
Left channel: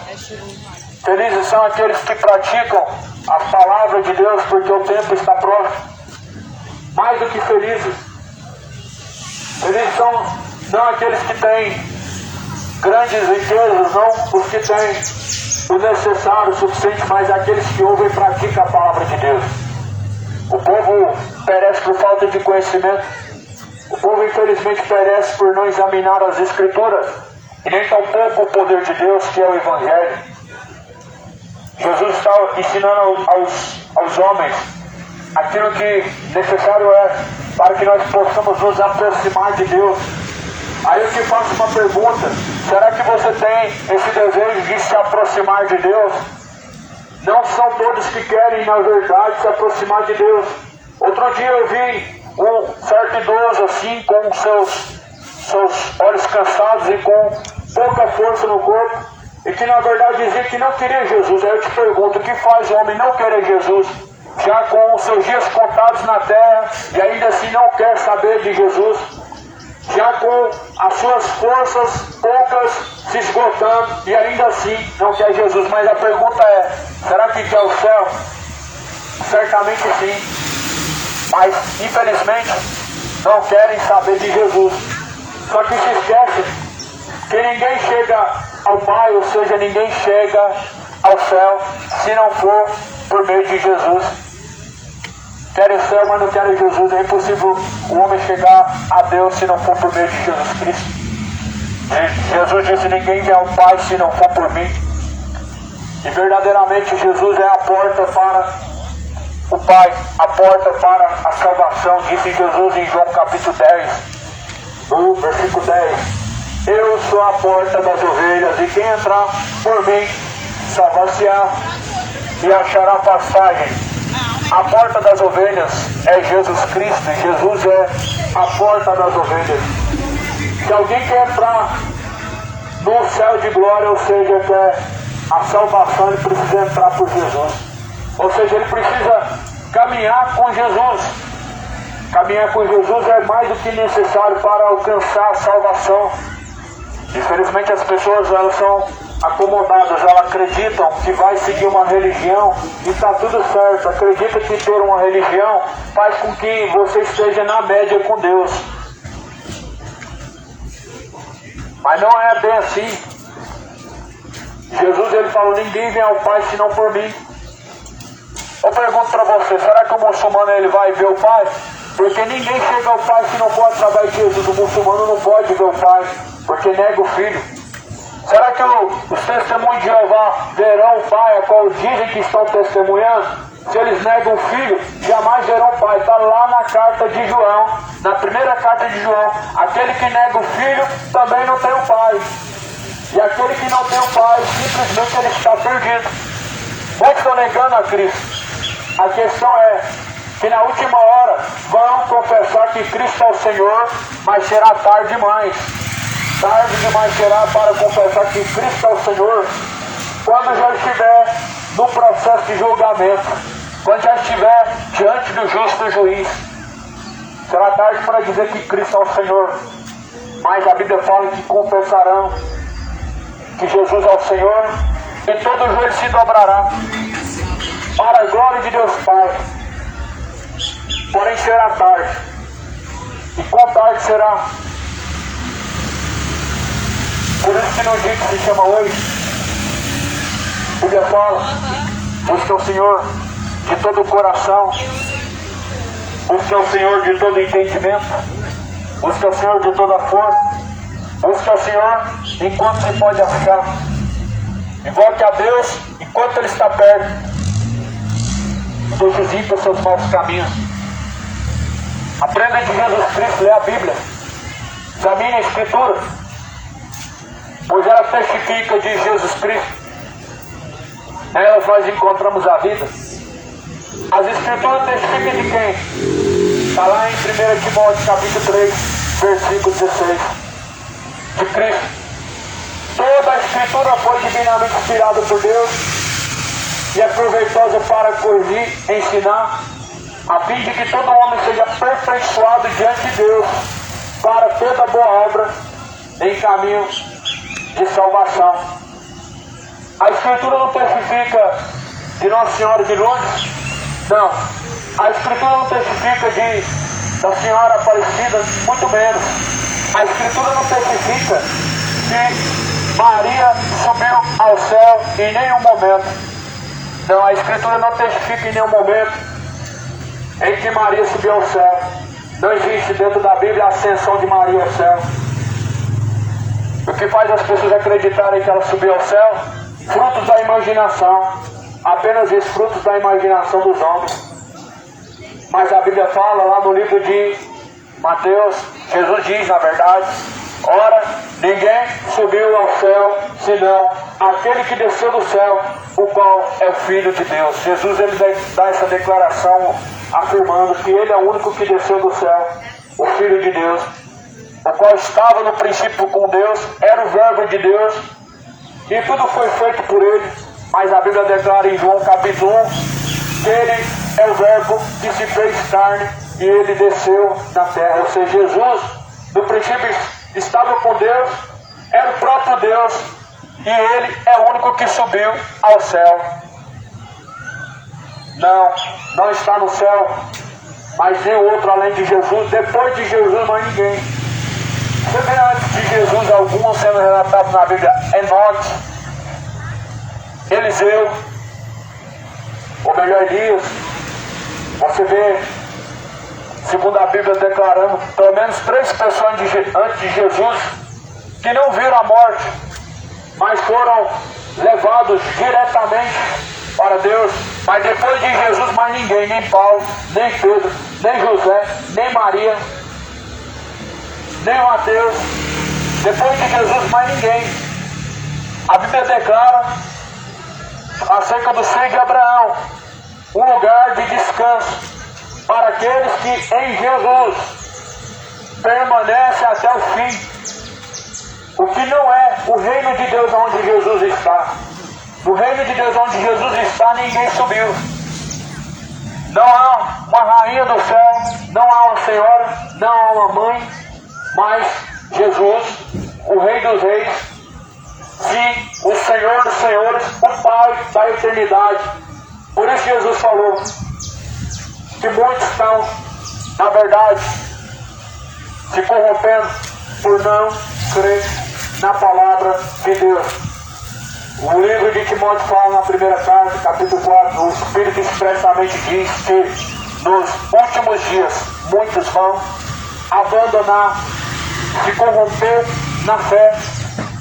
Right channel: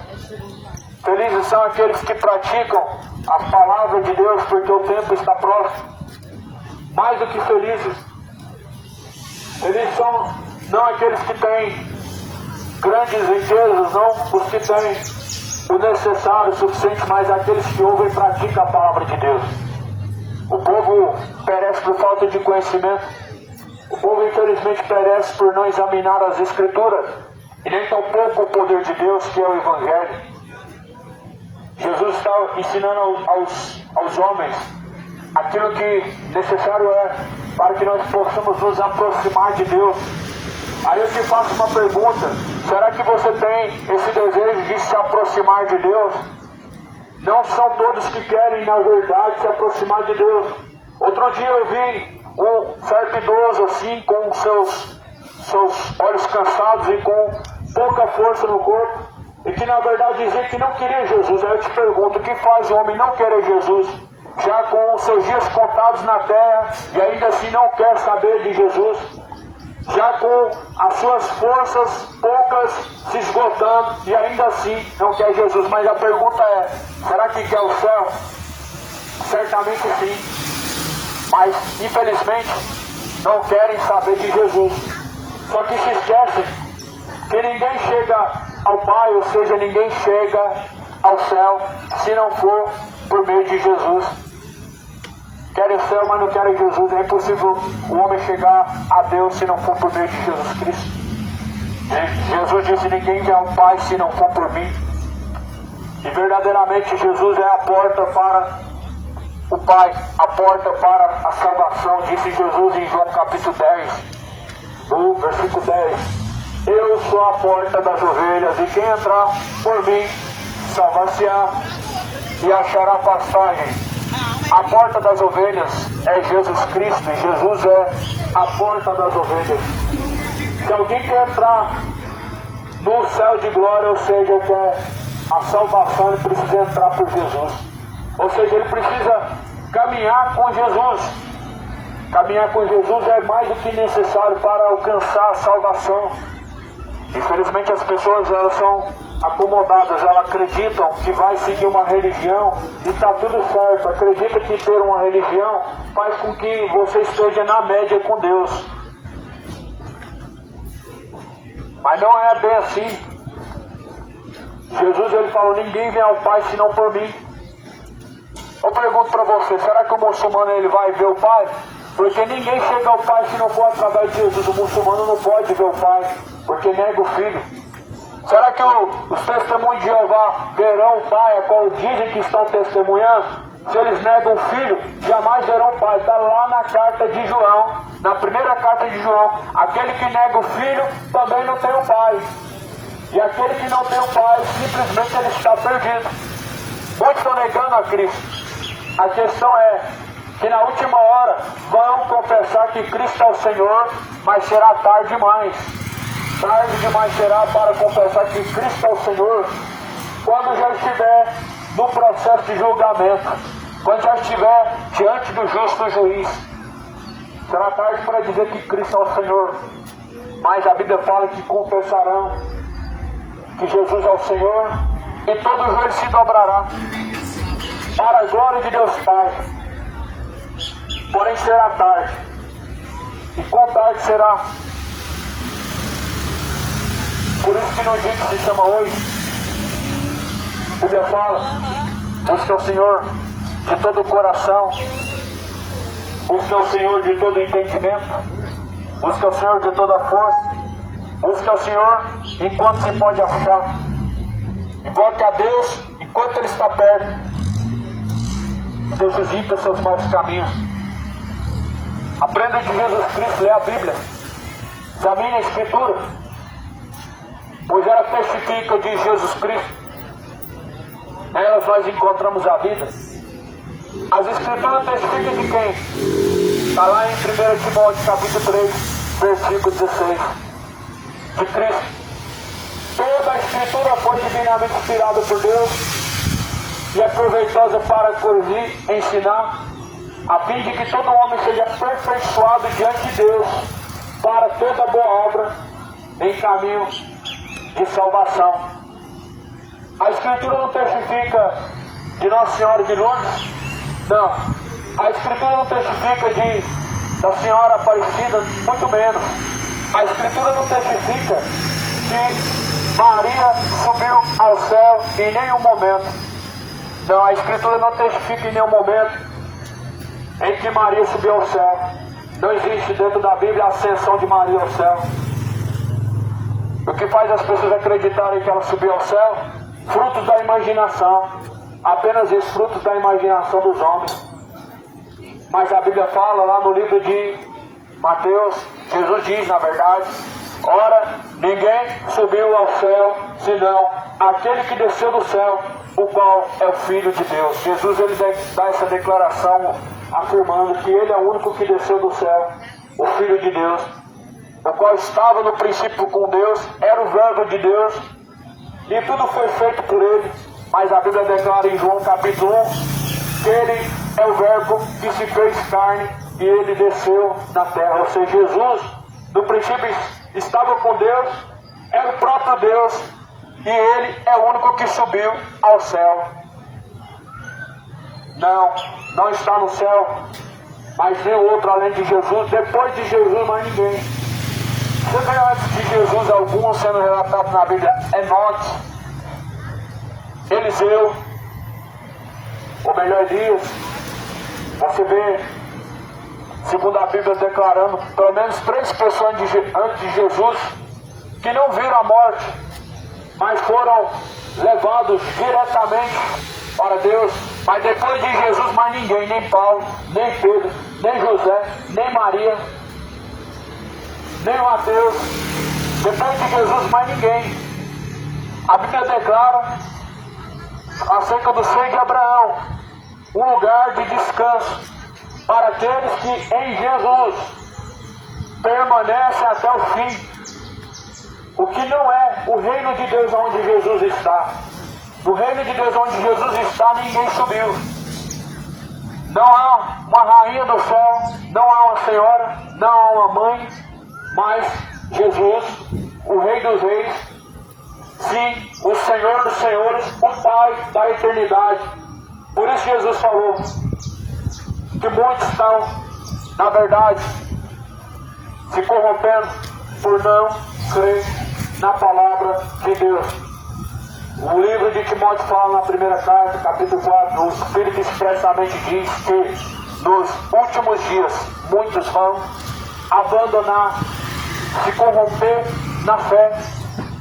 Felizes são aqueles que praticam as palavras de Deus, porque o tempo está próximo. Mais do que felizes. Felizes são não aqueles que têm grandes riquezas, não os que têm o necessário, o suficiente, mas aqueles que ouvem e praticam a palavra de Deus. O povo perece por falta de conhecimento. O povo infelizmente perece por não examinar as Escrituras, e nem tampouco o poder de Deus, que é o Evangelho. Jesus está ensinando aos homens aquilo que necessário é para que nós possamos nos aproximar de Deus. Aí eu te faço uma pergunta: será que você tem esse desejo de se aproximar de Deus? Não são todos que querem, na verdade, se aproximar de Deus. Outro dia eu vi um certo idoso assim, com seus olhos cansados e com pouca força no corpo, e que na verdade dizia que não queria Jesus. Aí eu te pergunto: o que faz o homem não querer Jesus, já com os seus dias contados na terra, e ainda assim não quer saber de Jesus? já com as suas forças poucas se esgotando, e ainda assim não quer Jesus. Mas a pergunta é, será que quer o céu? Certamente sim, mas infelizmente não querem saber de Jesus. Só que se esquecem que ninguém chega ao Pai, ou seja, ninguém chega ao céu se não for por meio de Jesus. Querem o céu, mas não querem Jesus. É impossível o homem chegar a Deus se não for por meio de Jesus Cristo. Jesus disse, ninguém vem ao Pai se não for por mim. E verdadeiramente Jesus é a porta para o Pai, a porta para a salvação. Disse Jesus em João capítulo 10, no versículo 10. Eu sou a porta das ovelhas, e quem entrar por mim salvar-se-á e achará passagem. A porta das ovelhas é Jesus Cristo, e Jesus é a porta das ovelhas. Se alguém quer entrar no céu de glória, ou seja, quer a salvação, ele precisa entrar por Jesus. Ou seja, ele precisa caminhar com Jesus. Caminhar com Jesus é mais do que necessário para alcançar a salvação. Infelizmente as pessoas, elas são acomodadas, elas acreditam que vai seguir uma religião e está tudo certo. Acredita que ter uma religião faz com que você esteja na média com Deus. Mas não é bem assim. Jesus, ele falou, ninguém vem ao Pai senão por mim. Eu pergunto para você, será que o muçulmano ele vai ver o Pai? Porque ninguém chega ao Pai se não pode através de Jesus. O muçulmano não pode ver o Pai, porque nega o Filho. Será que os testemunhos de Jeová verão o Pai, a qual dizem que estão testemunhando? Se eles negam o Filho, jamais verão o Pai. Está lá na carta de João, na primeira carta de João. Aquele que nega o Filho também não tem o Pai. E aquele que não tem o Pai, simplesmente ele está perdido. Muitos estão negando a Cristo. A questão é que na última hora vão confessar que Cristo é o Senhor, mas será tarde demais. Tarde demais será para confessar que Cristo é o Senhor quando já estiver no processo de julgamento, quando já estiver diante do justo juiz. Será tarde para dizer que Cristo é o Senhor, mas a Bíblia fala que confessarão que Jesus é o Senhor e todo joelho se dobrará para a glória de Deus Pai. Porém será tarde, e quão tarde será? Por isso que no dia que se chama hoje, a Bíblia fala, busca o Senhor de todo o coração, busca o Senhor de todo entendimento, busca o Senhor de toda força, busca o Senhor enquanto se pode achar, invoque a Deus enquanto Ele está perto, visita os seus maus caminhos. Aprenda de Jesus Cristo, lê a Bíblia, examine a Escritura, pois ela testifica de Jesus Cristo. Nela nós encontramos a vida. As Escrituras testificam de quem? Está lá em 1 Timóteo capítulo 3, versículo 16. De Cristo. Toda a Escritura foi divinamente inspirada por Deus e é proveitosa para corrigir, ensinar, a fim de que todo homem seja aperfeiçoado diante de Deus para toda boa obra em caminho de salvação. A Escritura não testifica de Nossa Senhora de Lourdes? Não. A Escritura não testifica da Senhora Aparecida? Muito menos. A Escritura não testifica que Maria subiu ao céu em nenhum momento. Não, a Escritura não testifica em nenhum momento em que Maria subiu ao céu. Não existe dentro da Bíblia a ascensão de Maria ao céu. O que faz as pessoas acreditarem que ela subiu ao céu? Frutos da imaginação. Apenas esses frutos da imaginação dos homens. Mas a Bíblia fala lá no livro de Mateus, Jesus diz, na verdade, ora, ninguém subiu ao céu, senão aquele que desceu do céu, o qual é o Filho de Deus. Jesus, ele dá essa declaração, afirmando que ele é o único que desceu do céu, o Filho de Deus, o qual estava no princípio com Deus, era o Verbo de Deus, e tudo foi feito por ele. Mas a Bíblia declara em João capítulo 1, que ele é o Verbo que se fez carne e ele desceu na terra. Ou seja, Jesus No princípio estava com Deus, é o próprio Deus, e Ele é o único que subiu ao céu. Não está no céu, mas nem outro além de Jesus. Depois de Jesus, mais ninguém. Você vê antes de Jesus alguns sendo relatados na Bíblia: Enoque, Eliseu, ou melhor, Elias. Você vê, segundo a Bíblia, declarando pelo menos 3 pessoas antes de Jesus que não viram a morte, mas foram levados diretamente para Deus. Mas depois de Jesus, mais ninguém, nem Paulo, nem Pedro, nem José, nem Maria, nem Mateus. Depois de Jesus, mais ninguém. A Bíblia declara acerca do seio de Abraão, um lugar de descanso para aqueles que em Jesus permanecem até o fim. O que não é o reino de Deus onde Jesus está. No reino de Deus onde Jesus está, ninguém subiu. Não há uma rainha do céu, não há uma senhora, não há uma mãe, mas Jesus, o Rei dos Reis, sim, o Senhor dos Senhores, o Pai da eternidade. Por isso Jesus falou que muitos estão, na verdade, se corrompendo por não crer na palavra de Deus. O livro de Timóteo fala na primeira carta, capítulo 4, o Espírito expressamente diz que nos últimos dias muitos vão abandonar, se corromper na fé,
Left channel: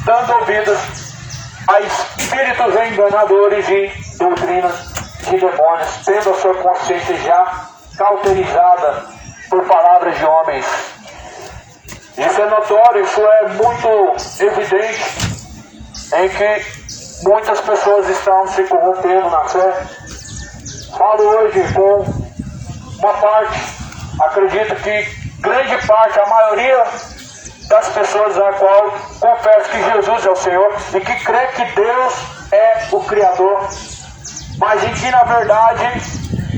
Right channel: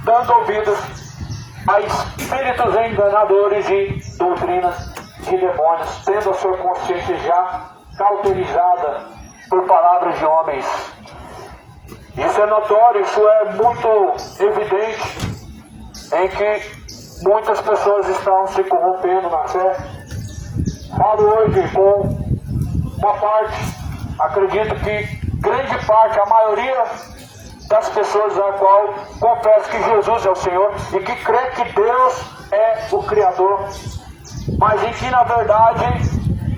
dando ouvidos a espíritos enganadores e doutrinas de demônios, tendo a sua consciência já cauterizada por palavras de homens. Isso é notório, isso é muito evidente, em que muitas pessoas estão se corrompendo na fé. Falo hoje com uma parte, acredito que grande parte, a maioria das pessoas a qual confessa que Jesus é o Senhor e que crê que Deus é o Criador, mas em que na verdade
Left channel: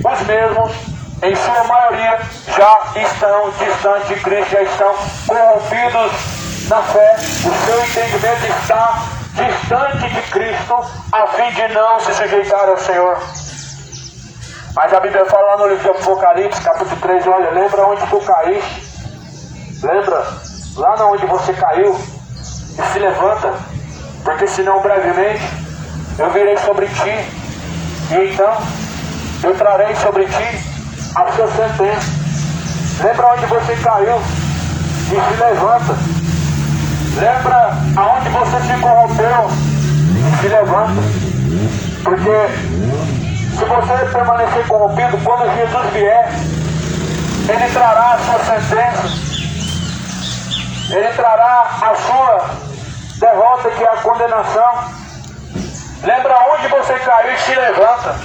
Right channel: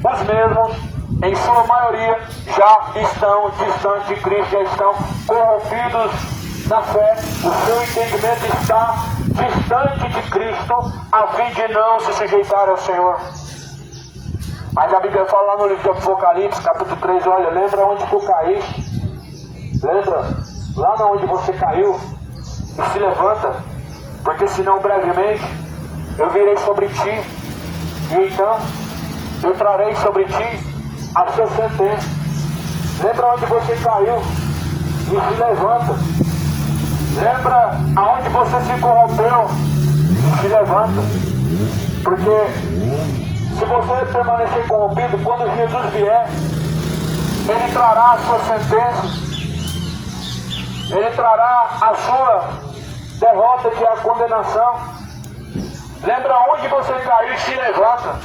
os mesmos, em sua maioria, já estão distantes de Cristo, já estão corrompidos na fé. O seu entendimento está distante de Cristo, a fim de não se sujeitar ao Senhor. Mas a Bíblia fala lá no livro do Apocalipse, capítulo 3, olha, lembra onde tu caíste? Lembra? Lá onde você caiu? E se levanta, porque senão brevemente eu virei sobre ti, e então eu trarei sobre ti a sua sentença. Lembra onde você caiu? E se levanta. Lembra aonde você se corrompeu e se levanta. Porque se você permanecer corrompido, quando Jesus vier, Ele trará a sua sentença. Ele trará a sua derrota, que é a condenação. Lembra onde você caiu e se levanta.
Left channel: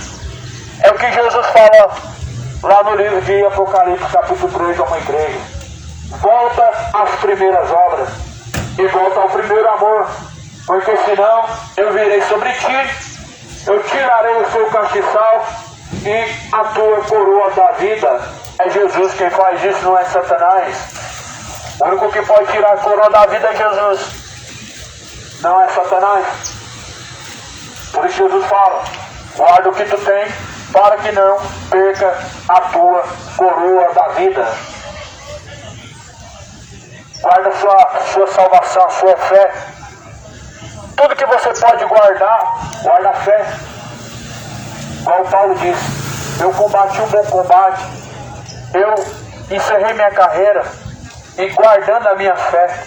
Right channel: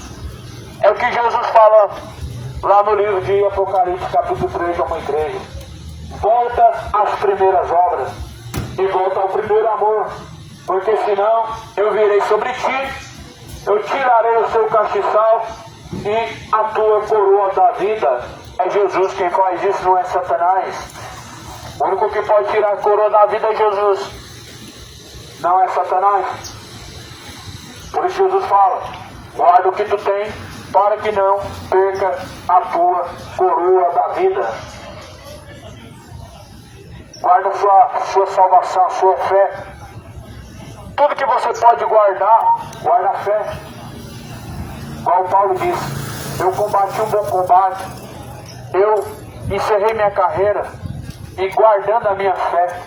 É o que Jesus fala lá no livro de Apocalipse, capítulo 3, a uma igreja. Volta às primeiras obras e volta ao primeiro amor, porque senão eu virei sobre ti, eu tirarei o seu castiçal e a tua coroa da vida. É Jesus quem faz isso, não é Satanás. O único que pode tirar a coroa da vida é Jesus, não é Satanás. Por isso Jesus fala: guarda o que tu tem, para que não perca a tua coroa da vida. Guarda a sua salvação, a sua fé. Tudo que você pode guardar, guarda a fé. Igual Paulo disse: eu combati um bom combate, eu encerrei minha carreira e guardando a minha fé.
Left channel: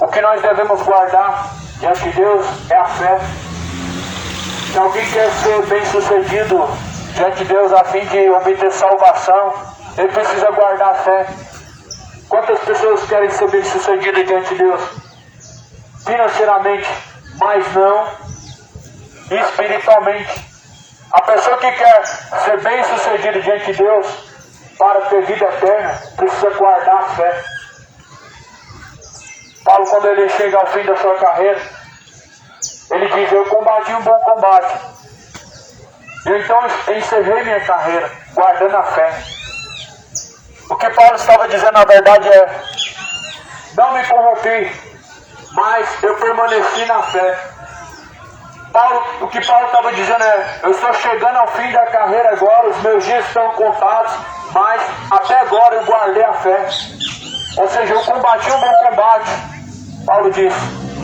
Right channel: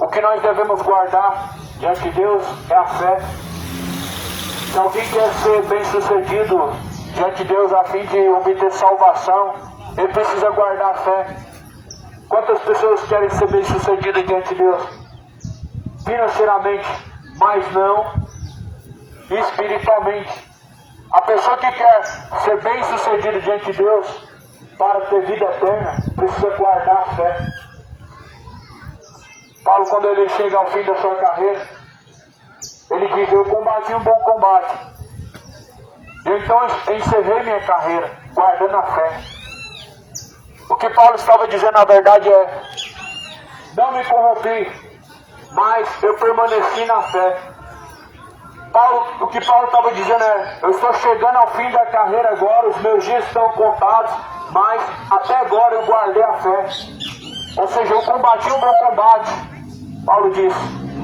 O que nós devemos guardar diante de Deus é a fé. Se alguém quer ser bem sucedido diante de Deus a fim de obter salvação, ele precisa guardar a fé. Quantas pessoas querem ser bem sucedidas diante de Deus? Financeiramente, mas não espiritualmente. A pessoa que quer ser bem sucedida diante de Deus para ter vida eterna precisa guardar a fé. Paulo, quando ele chega ao fim da sua carreira, ele diz: eu combati um bom combate, eu então encerrei minha carreira guardando a fé. O que Paulo estava dizendo na verdade é: não me corrompi, mas eu permaneci na fé. O que Paulo estava dizendo é: eu estou chegando ao fim da carreira agora, os meus dias estão contados, mas até agora eu guardei a fé. Ou seja, eu combati o meu combate. Paulo diz:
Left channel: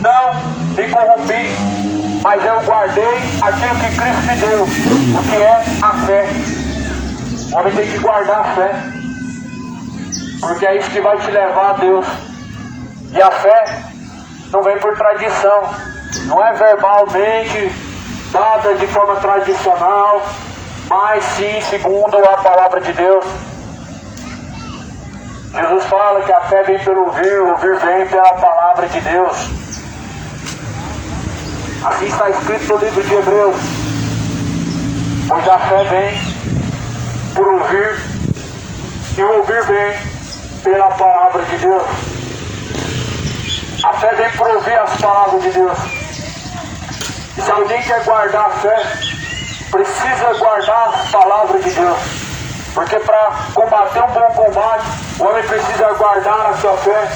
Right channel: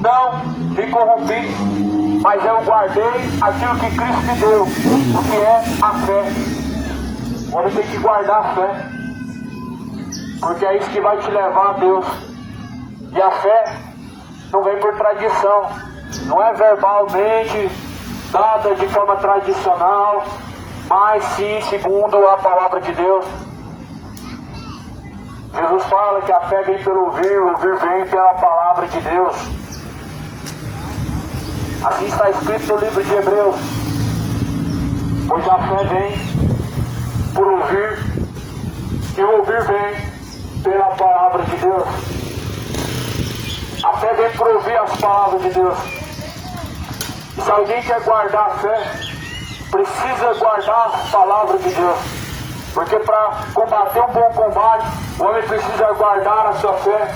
não me corrompi, mas eu guardei aquilo que Cristo me deu, o que é a fé. O homem tem que guardar a fé, porque é isso que vai te levar a Deus. E a fé não vem por tradição, não é verbalmente dada de forma tradicional, mas sim segundo a palavra de Deus. Jesus fala que a fé vem pelo ouvir, o ouvir vem pela palavra de Deus. Assim está escrito no livro de Hebreus: pois a fé vem por ouvir, e o ouvir vem pela palavra de Deus. A fé vem por ouvir as palavras de Deus. E se alguém quer guardar a fé, precisa guardar as palavras de Deus. Porque para combater um bom combate, o homem precisa guardar a sua fé.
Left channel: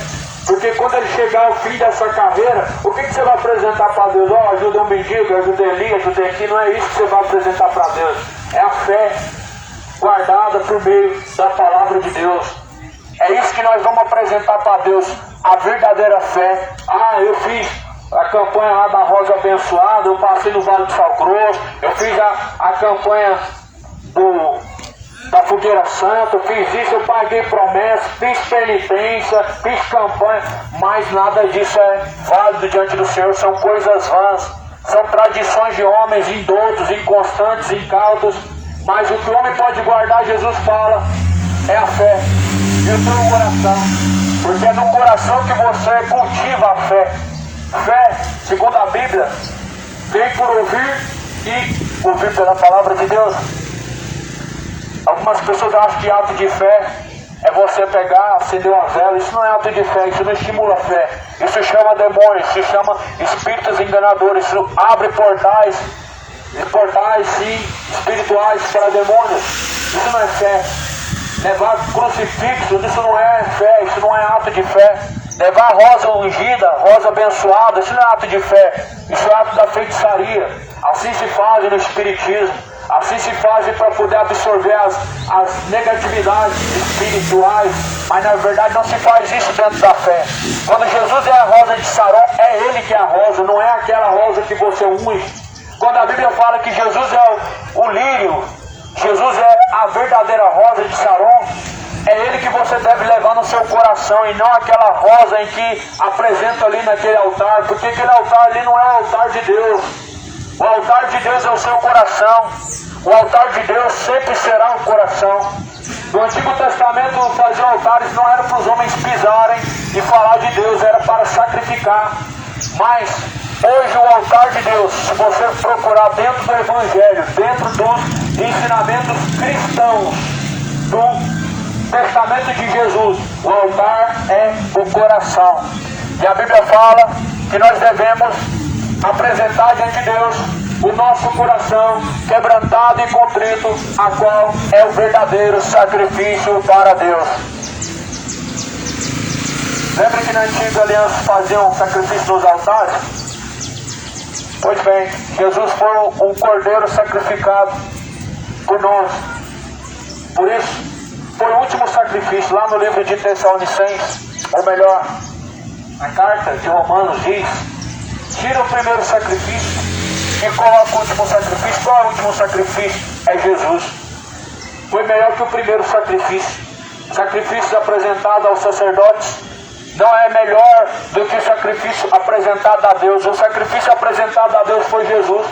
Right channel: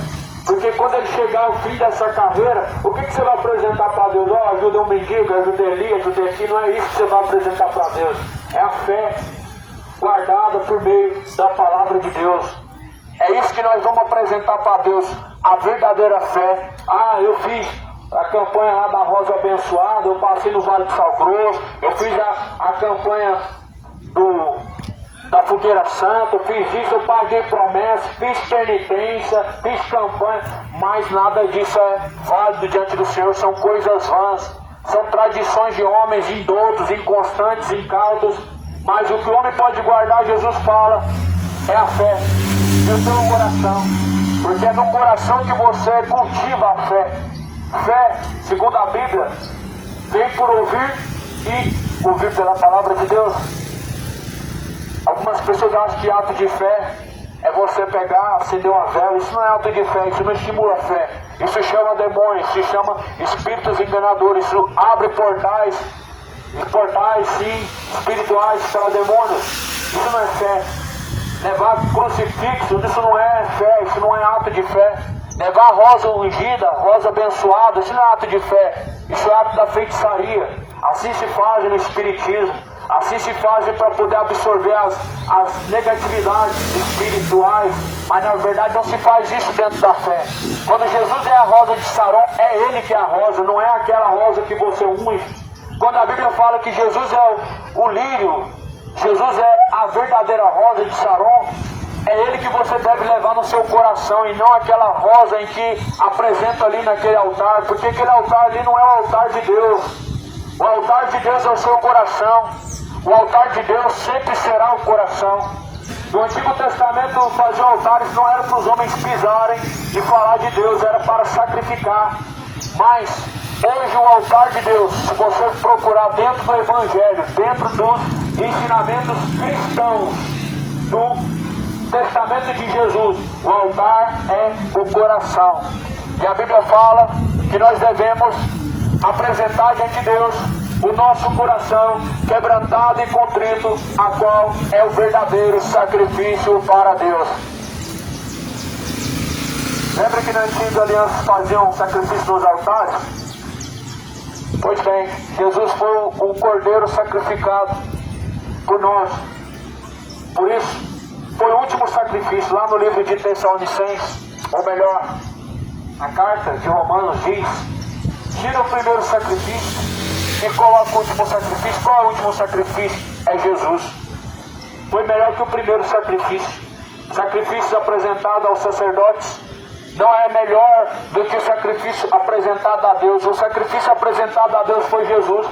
Porque quando ele chegar ao fim dessa carreira, o que você vai apresentar para Deus? Oh, ajuda um mendigo, ajudei ali, ajudei aqui. Não é isso que você vai apresentar para Deus. É a fé guardada por meio da palavra de Deus. É isso que nós vamos apresentar para Deus, a verdadeira fé. Ah, eu fiz a campanha lá da Rosa Abençoada, eu passei no Vale do Sal Grosso, eu fiz a campanha da Fogueira Santa, eu fiz isso, eu paguei promessa, fiz penitência, fiz campanha, mas nada disso é válido diante do Senhor, são coisas vãs, são tradições de homens indoutos, inconstantes, incautos, mas o que o homem pode guardar, Jesus fala, é a fé. Isso no coração, porque é no coração que você cultiva a fé. Fé, segundo a Bíblia, vem por ouvir e ouvir pela palavra de Deus. Algumas pessoas acham que ato de fé é você pegar, acender uma vela. Isso não é ato de fé, isso não estimula a fé. Isso chama demônios, isso chama espíritos enganadores, isso abre portais sim, espirituais para demônios. Isso não é fé. Levar crucifixo, isso não é fé, isso não é ato de fé. Levar rosa ungida, rosa abençoada, isso não é ato de fé, isso é ato da feitiçaria. Assim se faz no espiritismo, assim se faz para poder absorver as negatividades espirituais, mas na verdade não se faz isso dentro da fé. Quando Jesus é a rosa de Saron, é Ele que é a rosa, não é aquela rosa que você unge. Quando a Bíblia fala que Jesus é o lírio, Jesus é a verdadeira rosa de Saron, é Ele que você deve levar no seu coração e não aquela rosa em que apresenta ali naquele altar, porque aquele altar ali não é o altar de Deus. O altar de Deus é o seu coração. O altar de Deus sempre será o coração. No Antigo Testamento fazer altares não era para os homens pisarem e falar de Deus, era para sacrificar. Mas hoje o altar de Deus, se você procurar dentro do Evangelho, dentro dos ensinamentos cristãos do testamento de Jesus, o altar é o coração. E a Bíblia fala que nós devemos apresentar diante de Deus o nosso coração quebrantado e contrito, a qual é o verdadeiro sacrifício para Deus. Lembra que na antiga aliança faziam sacrifício nos altares? Pois bem, Jesus foi um cordeiro sacrificado por nós. Por isso, foi o último sacrifício. Lá no livro de Tessalonicenses, ou melhor, a carta de Romanos diz: tira o primeiro sacrifício e coloca o último sacrifício. Qual é o último sacrifício? É Jesus. Foi melhor que o primeiro sacrifício. Sacrifícios apresentados aos sacerdotes não é melhor do que o sacrifício apresentado a Deus. O sacrifício apresentado a Deus foi Jesus.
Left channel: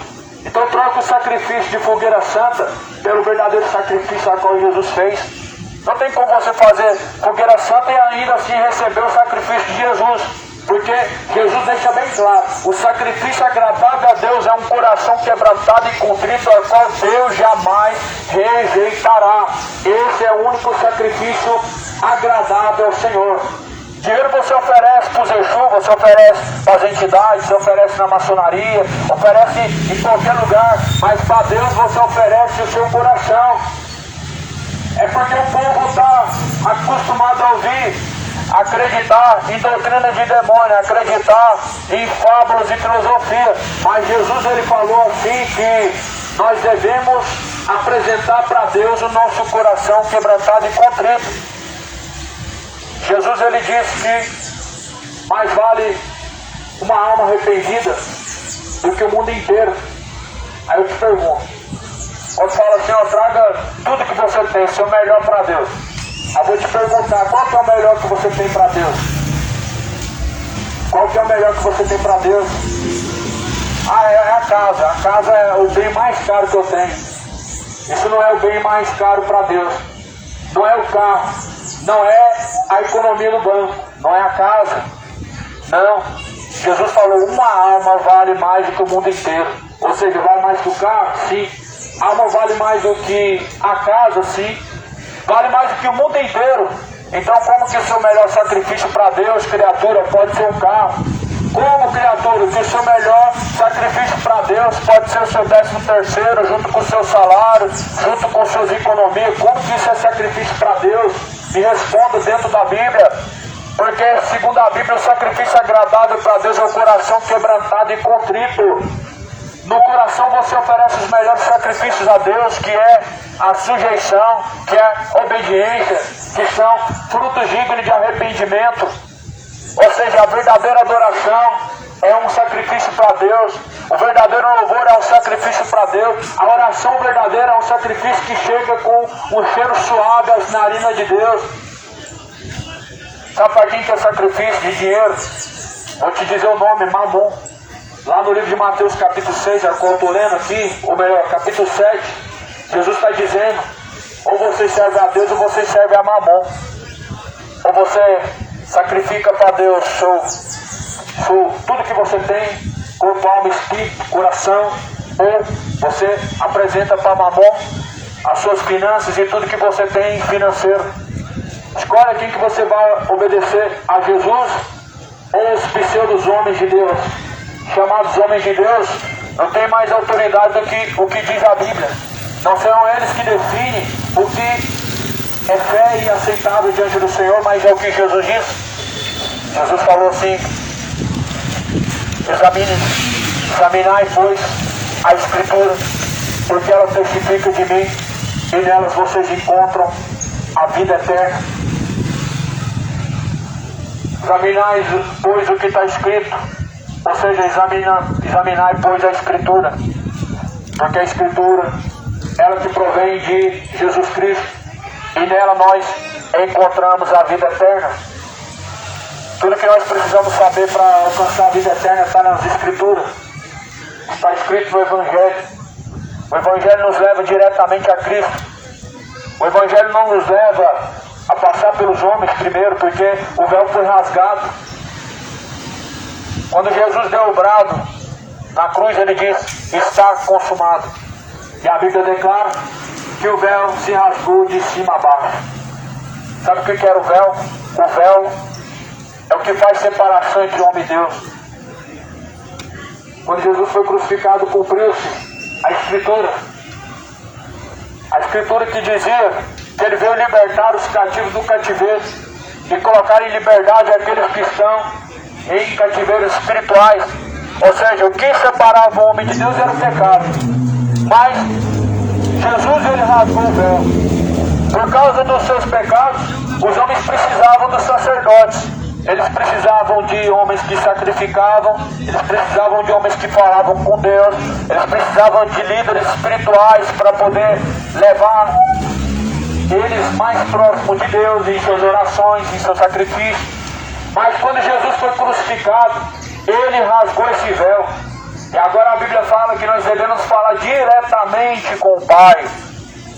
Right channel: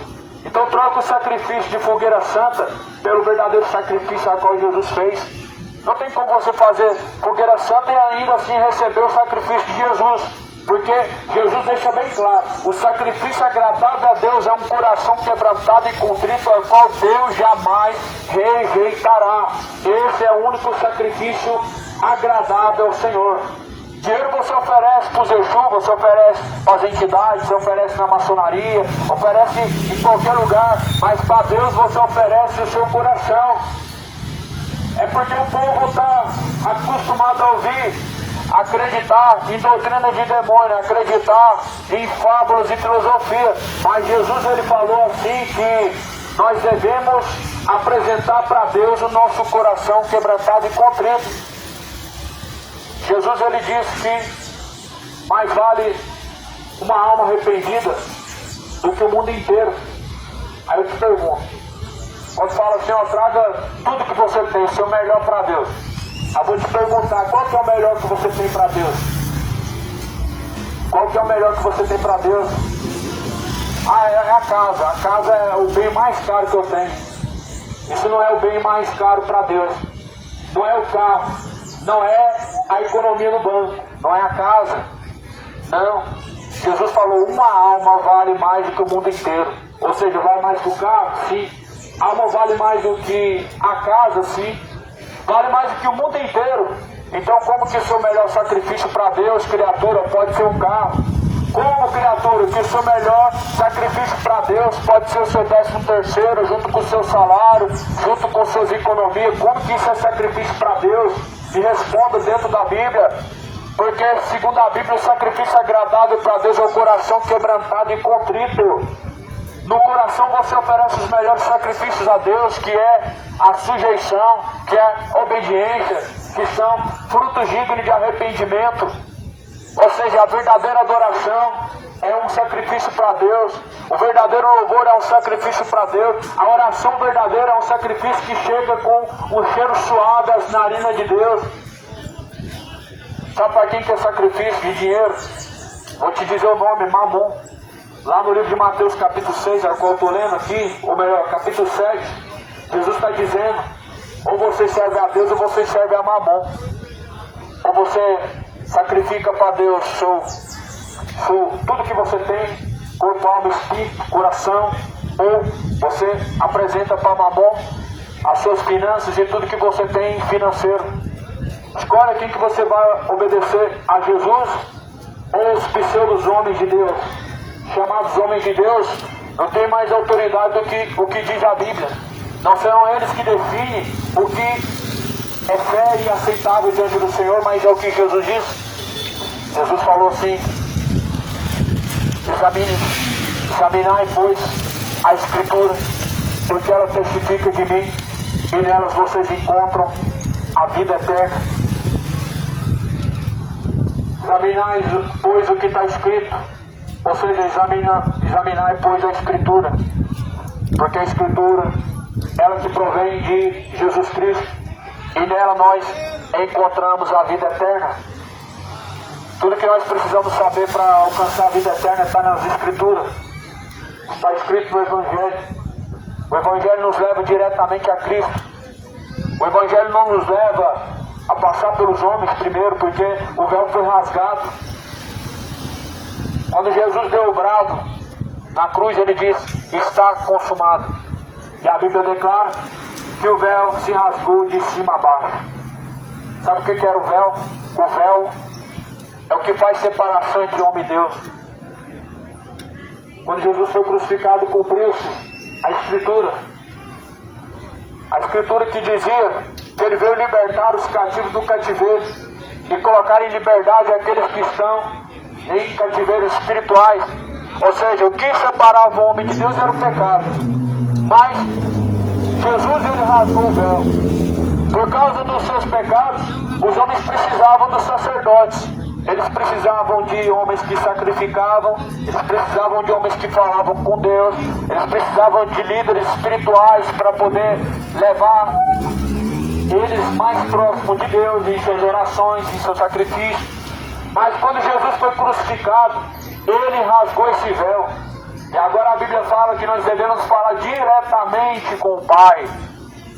Então troca o sacrifício de fogueira santa pelo verdadeiro sacrifício a qual Jesus fez. Não tem como você fazer fogueira santa e ainda assim receber o sacrifício de Jesus. Porque Jesus deixa bem claro: o sacrifício agradável a Deus é um coração quebrantado e contrito, ao qual Deus jamais rejeitará. Esse é o único sacrifício agradável ao Senhor. Dinheiro você oferece para os Exu, você oferece para as entidades, você oferece na maçonaria, oferece em qualquer lugar, mas para Deus você oferece o seu coração. É porque o povo está acostumado a ouvir: acreditar em doutrina de demônio, acreditar em fábulas e filosofia. Mas Jesus ele falou assim que nós devemos apresentar para Deus o nosso coração quebrantado e contrito. Jesus ele disse que mais vale uma alma arrependida do que o mundo inteiro. Aí eu te pergunto, quando fala assim, ó, traga tudo que você tem, seu melhor para Deus. Eu vou te perguntar, qual que é o melhor que você tem para Deus? Qual que é o melhor que você tem para Deus? Ah, é a casa. A casa é o bem mais caro que eu tenho. Isso não é o bem mais caro para Deus. Não é o carro. Não é a economia do banco. Não é a casa. Não. Jesus falou, uma alma vale mais do que o mundo inteiro. Ou seja, vale mais que o carro? Sim. A alma vale mais do que a casa? Sim. Vale mais do que o mundo inteiro. Então como que o seu melhor sacrifício para Deus, criatura, pode ser um carro? Como, criatura, que o seu melhor sacrifício para Deus pode ser o seu 13º, junto com o seu salário, junto com suas economias? Como que isso é sacrifício para Deus? Me responda dentro da Bíblia. Porque, segundo a Bíblia, o sacrifício agradável para Deus é o coração quebrantado e contrito. No coração você oferece os melhores sacrifícios a Deus, que é a sujeição, que é a obediência, que são frutos dignos de arrependimento. Ou seja, a verdadeira adoração é um sacrifício para Deus. O verdadeiro louvor é um sacrifício para Deus. A oração verdadeira é um sacrifício que chega com um cheiro suave às narinas de Deus. Sabe para quem que é sacrifício de dinheiro? Vou te dizer o nome, Mamon. Lá no livro de Mateus capítulo 6, é o que eu estou lendo aqui, ou melhor, capítulo 7, Jesus está dizendo, ou você serve a Deus ou você serve a Mamon. Ou você sacrifica para Deus tudo que você tem, corpo, alma, espírito, coração, ou você apresenta para Mamon as suas finanças e tudo que você tem financeiro. Escolhe aqui que você vai obedecer a Jesus ou os pseudos homens de Deus. Chamados homens de Deus, não tem mais autoridade do que o que diz a Bíblia. Não serão eles que definem o que é fé e aceitável diante do Senhor, mas é o que Jesus disse. Jesus falou assim, examinai, pois, a Escritura, porque ela testifica de mim, e nelas vocês encontram a vida eterna. Examinai, pois, o que está escrito. Ou seja, examinai, pois, a Escritura. Porque a Escritura, ela que provém de Jesus Cristo. E nela nós encontramos a vida eterna. Tudo que nós precisamos saber para alcançar a vida eterna está nas Escrituras. Está escrito no Evangelho. O Evangelho nos leva diretamente a Cristo. O Evangelho não nos leva a passar pelos homens primeiro, porque o véu foi rasgado. Quando Jesus deu o brado na cruz, ele disse, está consumado. E a Bíblia declara que o véu se rasgou de cima a baixo. Sabe o que era o véu? O véu é o que faz separação entre homem e Deus. Quando Jesus foi crucificado, cumpriu-se a Escritura. A Escritura que dizia que ele veio libertar os cativos do cativeiro e colocar em liberdade aqueles que estão em cativeiros espirituais. Ou seja, o que separava o homem de Deus era o pecado. Mas Jesus ele rasgou o véu. Por causa dos seus pecados, os homens precisavam dos sacerdotes. Eles precisavam de homens que sacrificavam, eles precisavam de homens que falavam com Deus, eles precisavam de líderes espirituais para poder levar eles mais próximos de Deus em suas orações, em seus sacrifícios. Mas quando Jesus foi crucificado, ele rasgou esse véu. E agora a Bíblia fala que nós devemos falar diretamente com o Pai.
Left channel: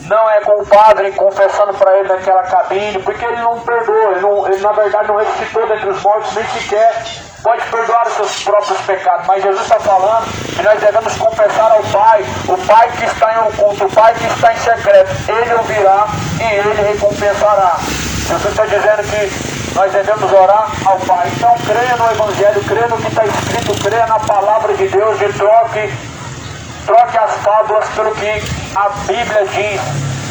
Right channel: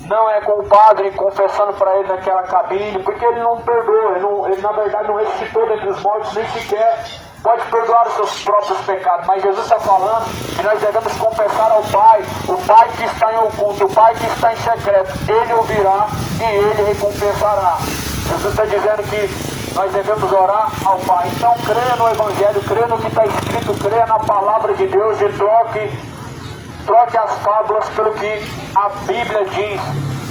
Não é com o Padre confessando para ele naquela cabine, porque ele não perdoa, ele na verdade não ressuscitou dentre os mortos, nem sequer pode perdoar os seus próprios pecados. Mas Jesus está falando que nós devemos confessar ao Pai, o Pai que está em oculto, o Pai que está em secreto. Ele ouvirá e ele recompensará. Jesus está dizendo que nós devemos orar ao Pai. Então creia no Evangelho, creia no que está escrito, creia na palavra de Deus e troque as fábulas pelo que a Bíblia diz.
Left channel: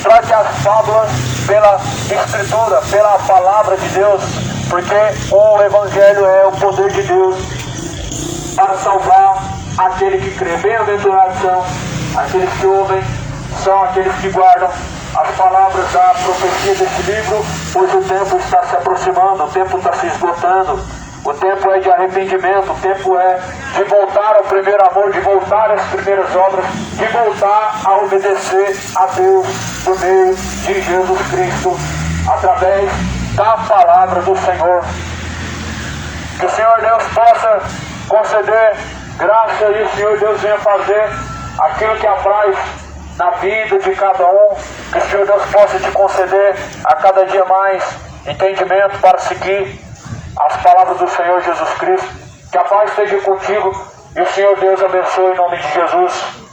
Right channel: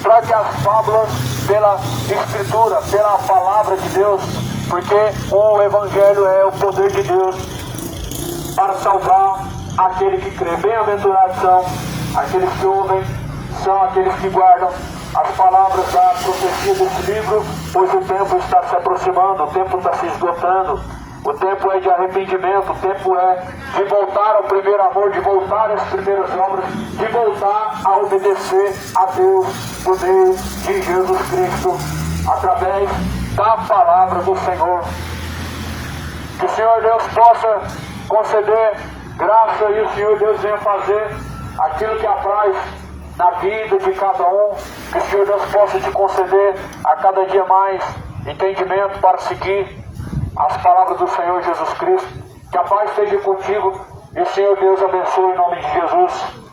Troque as fábulas pela Escritura, pela palavra de Deus. porque o Evangelho é o poder de Deus para salvar aquele que crê. Bem-aventurados são aqueles que ouvem, são aqueles que guardam as palavras da profecia desse livro, pois o tempo está se aproximando, o tempo está se esgotando, o tempo é de arrependimento, o tempo é de voltar ao primeiro amor, de voltar às primeiras obras, de voltar a obedecer a Deus por meio de Jesus Cristo, através da palavra do Senhor. Que o Senhor Deus possa conceder graça e o Senhor Deus venha fazer aquilo que apraz na vida de cada um. Que o Senhor Deus possa te conceder a cada dia mais entendimento para seguir as palavras do Senhor Jesus Cristo. Que a paz esteja contigo e o Senhor Deus abençoe em nome de Jesus.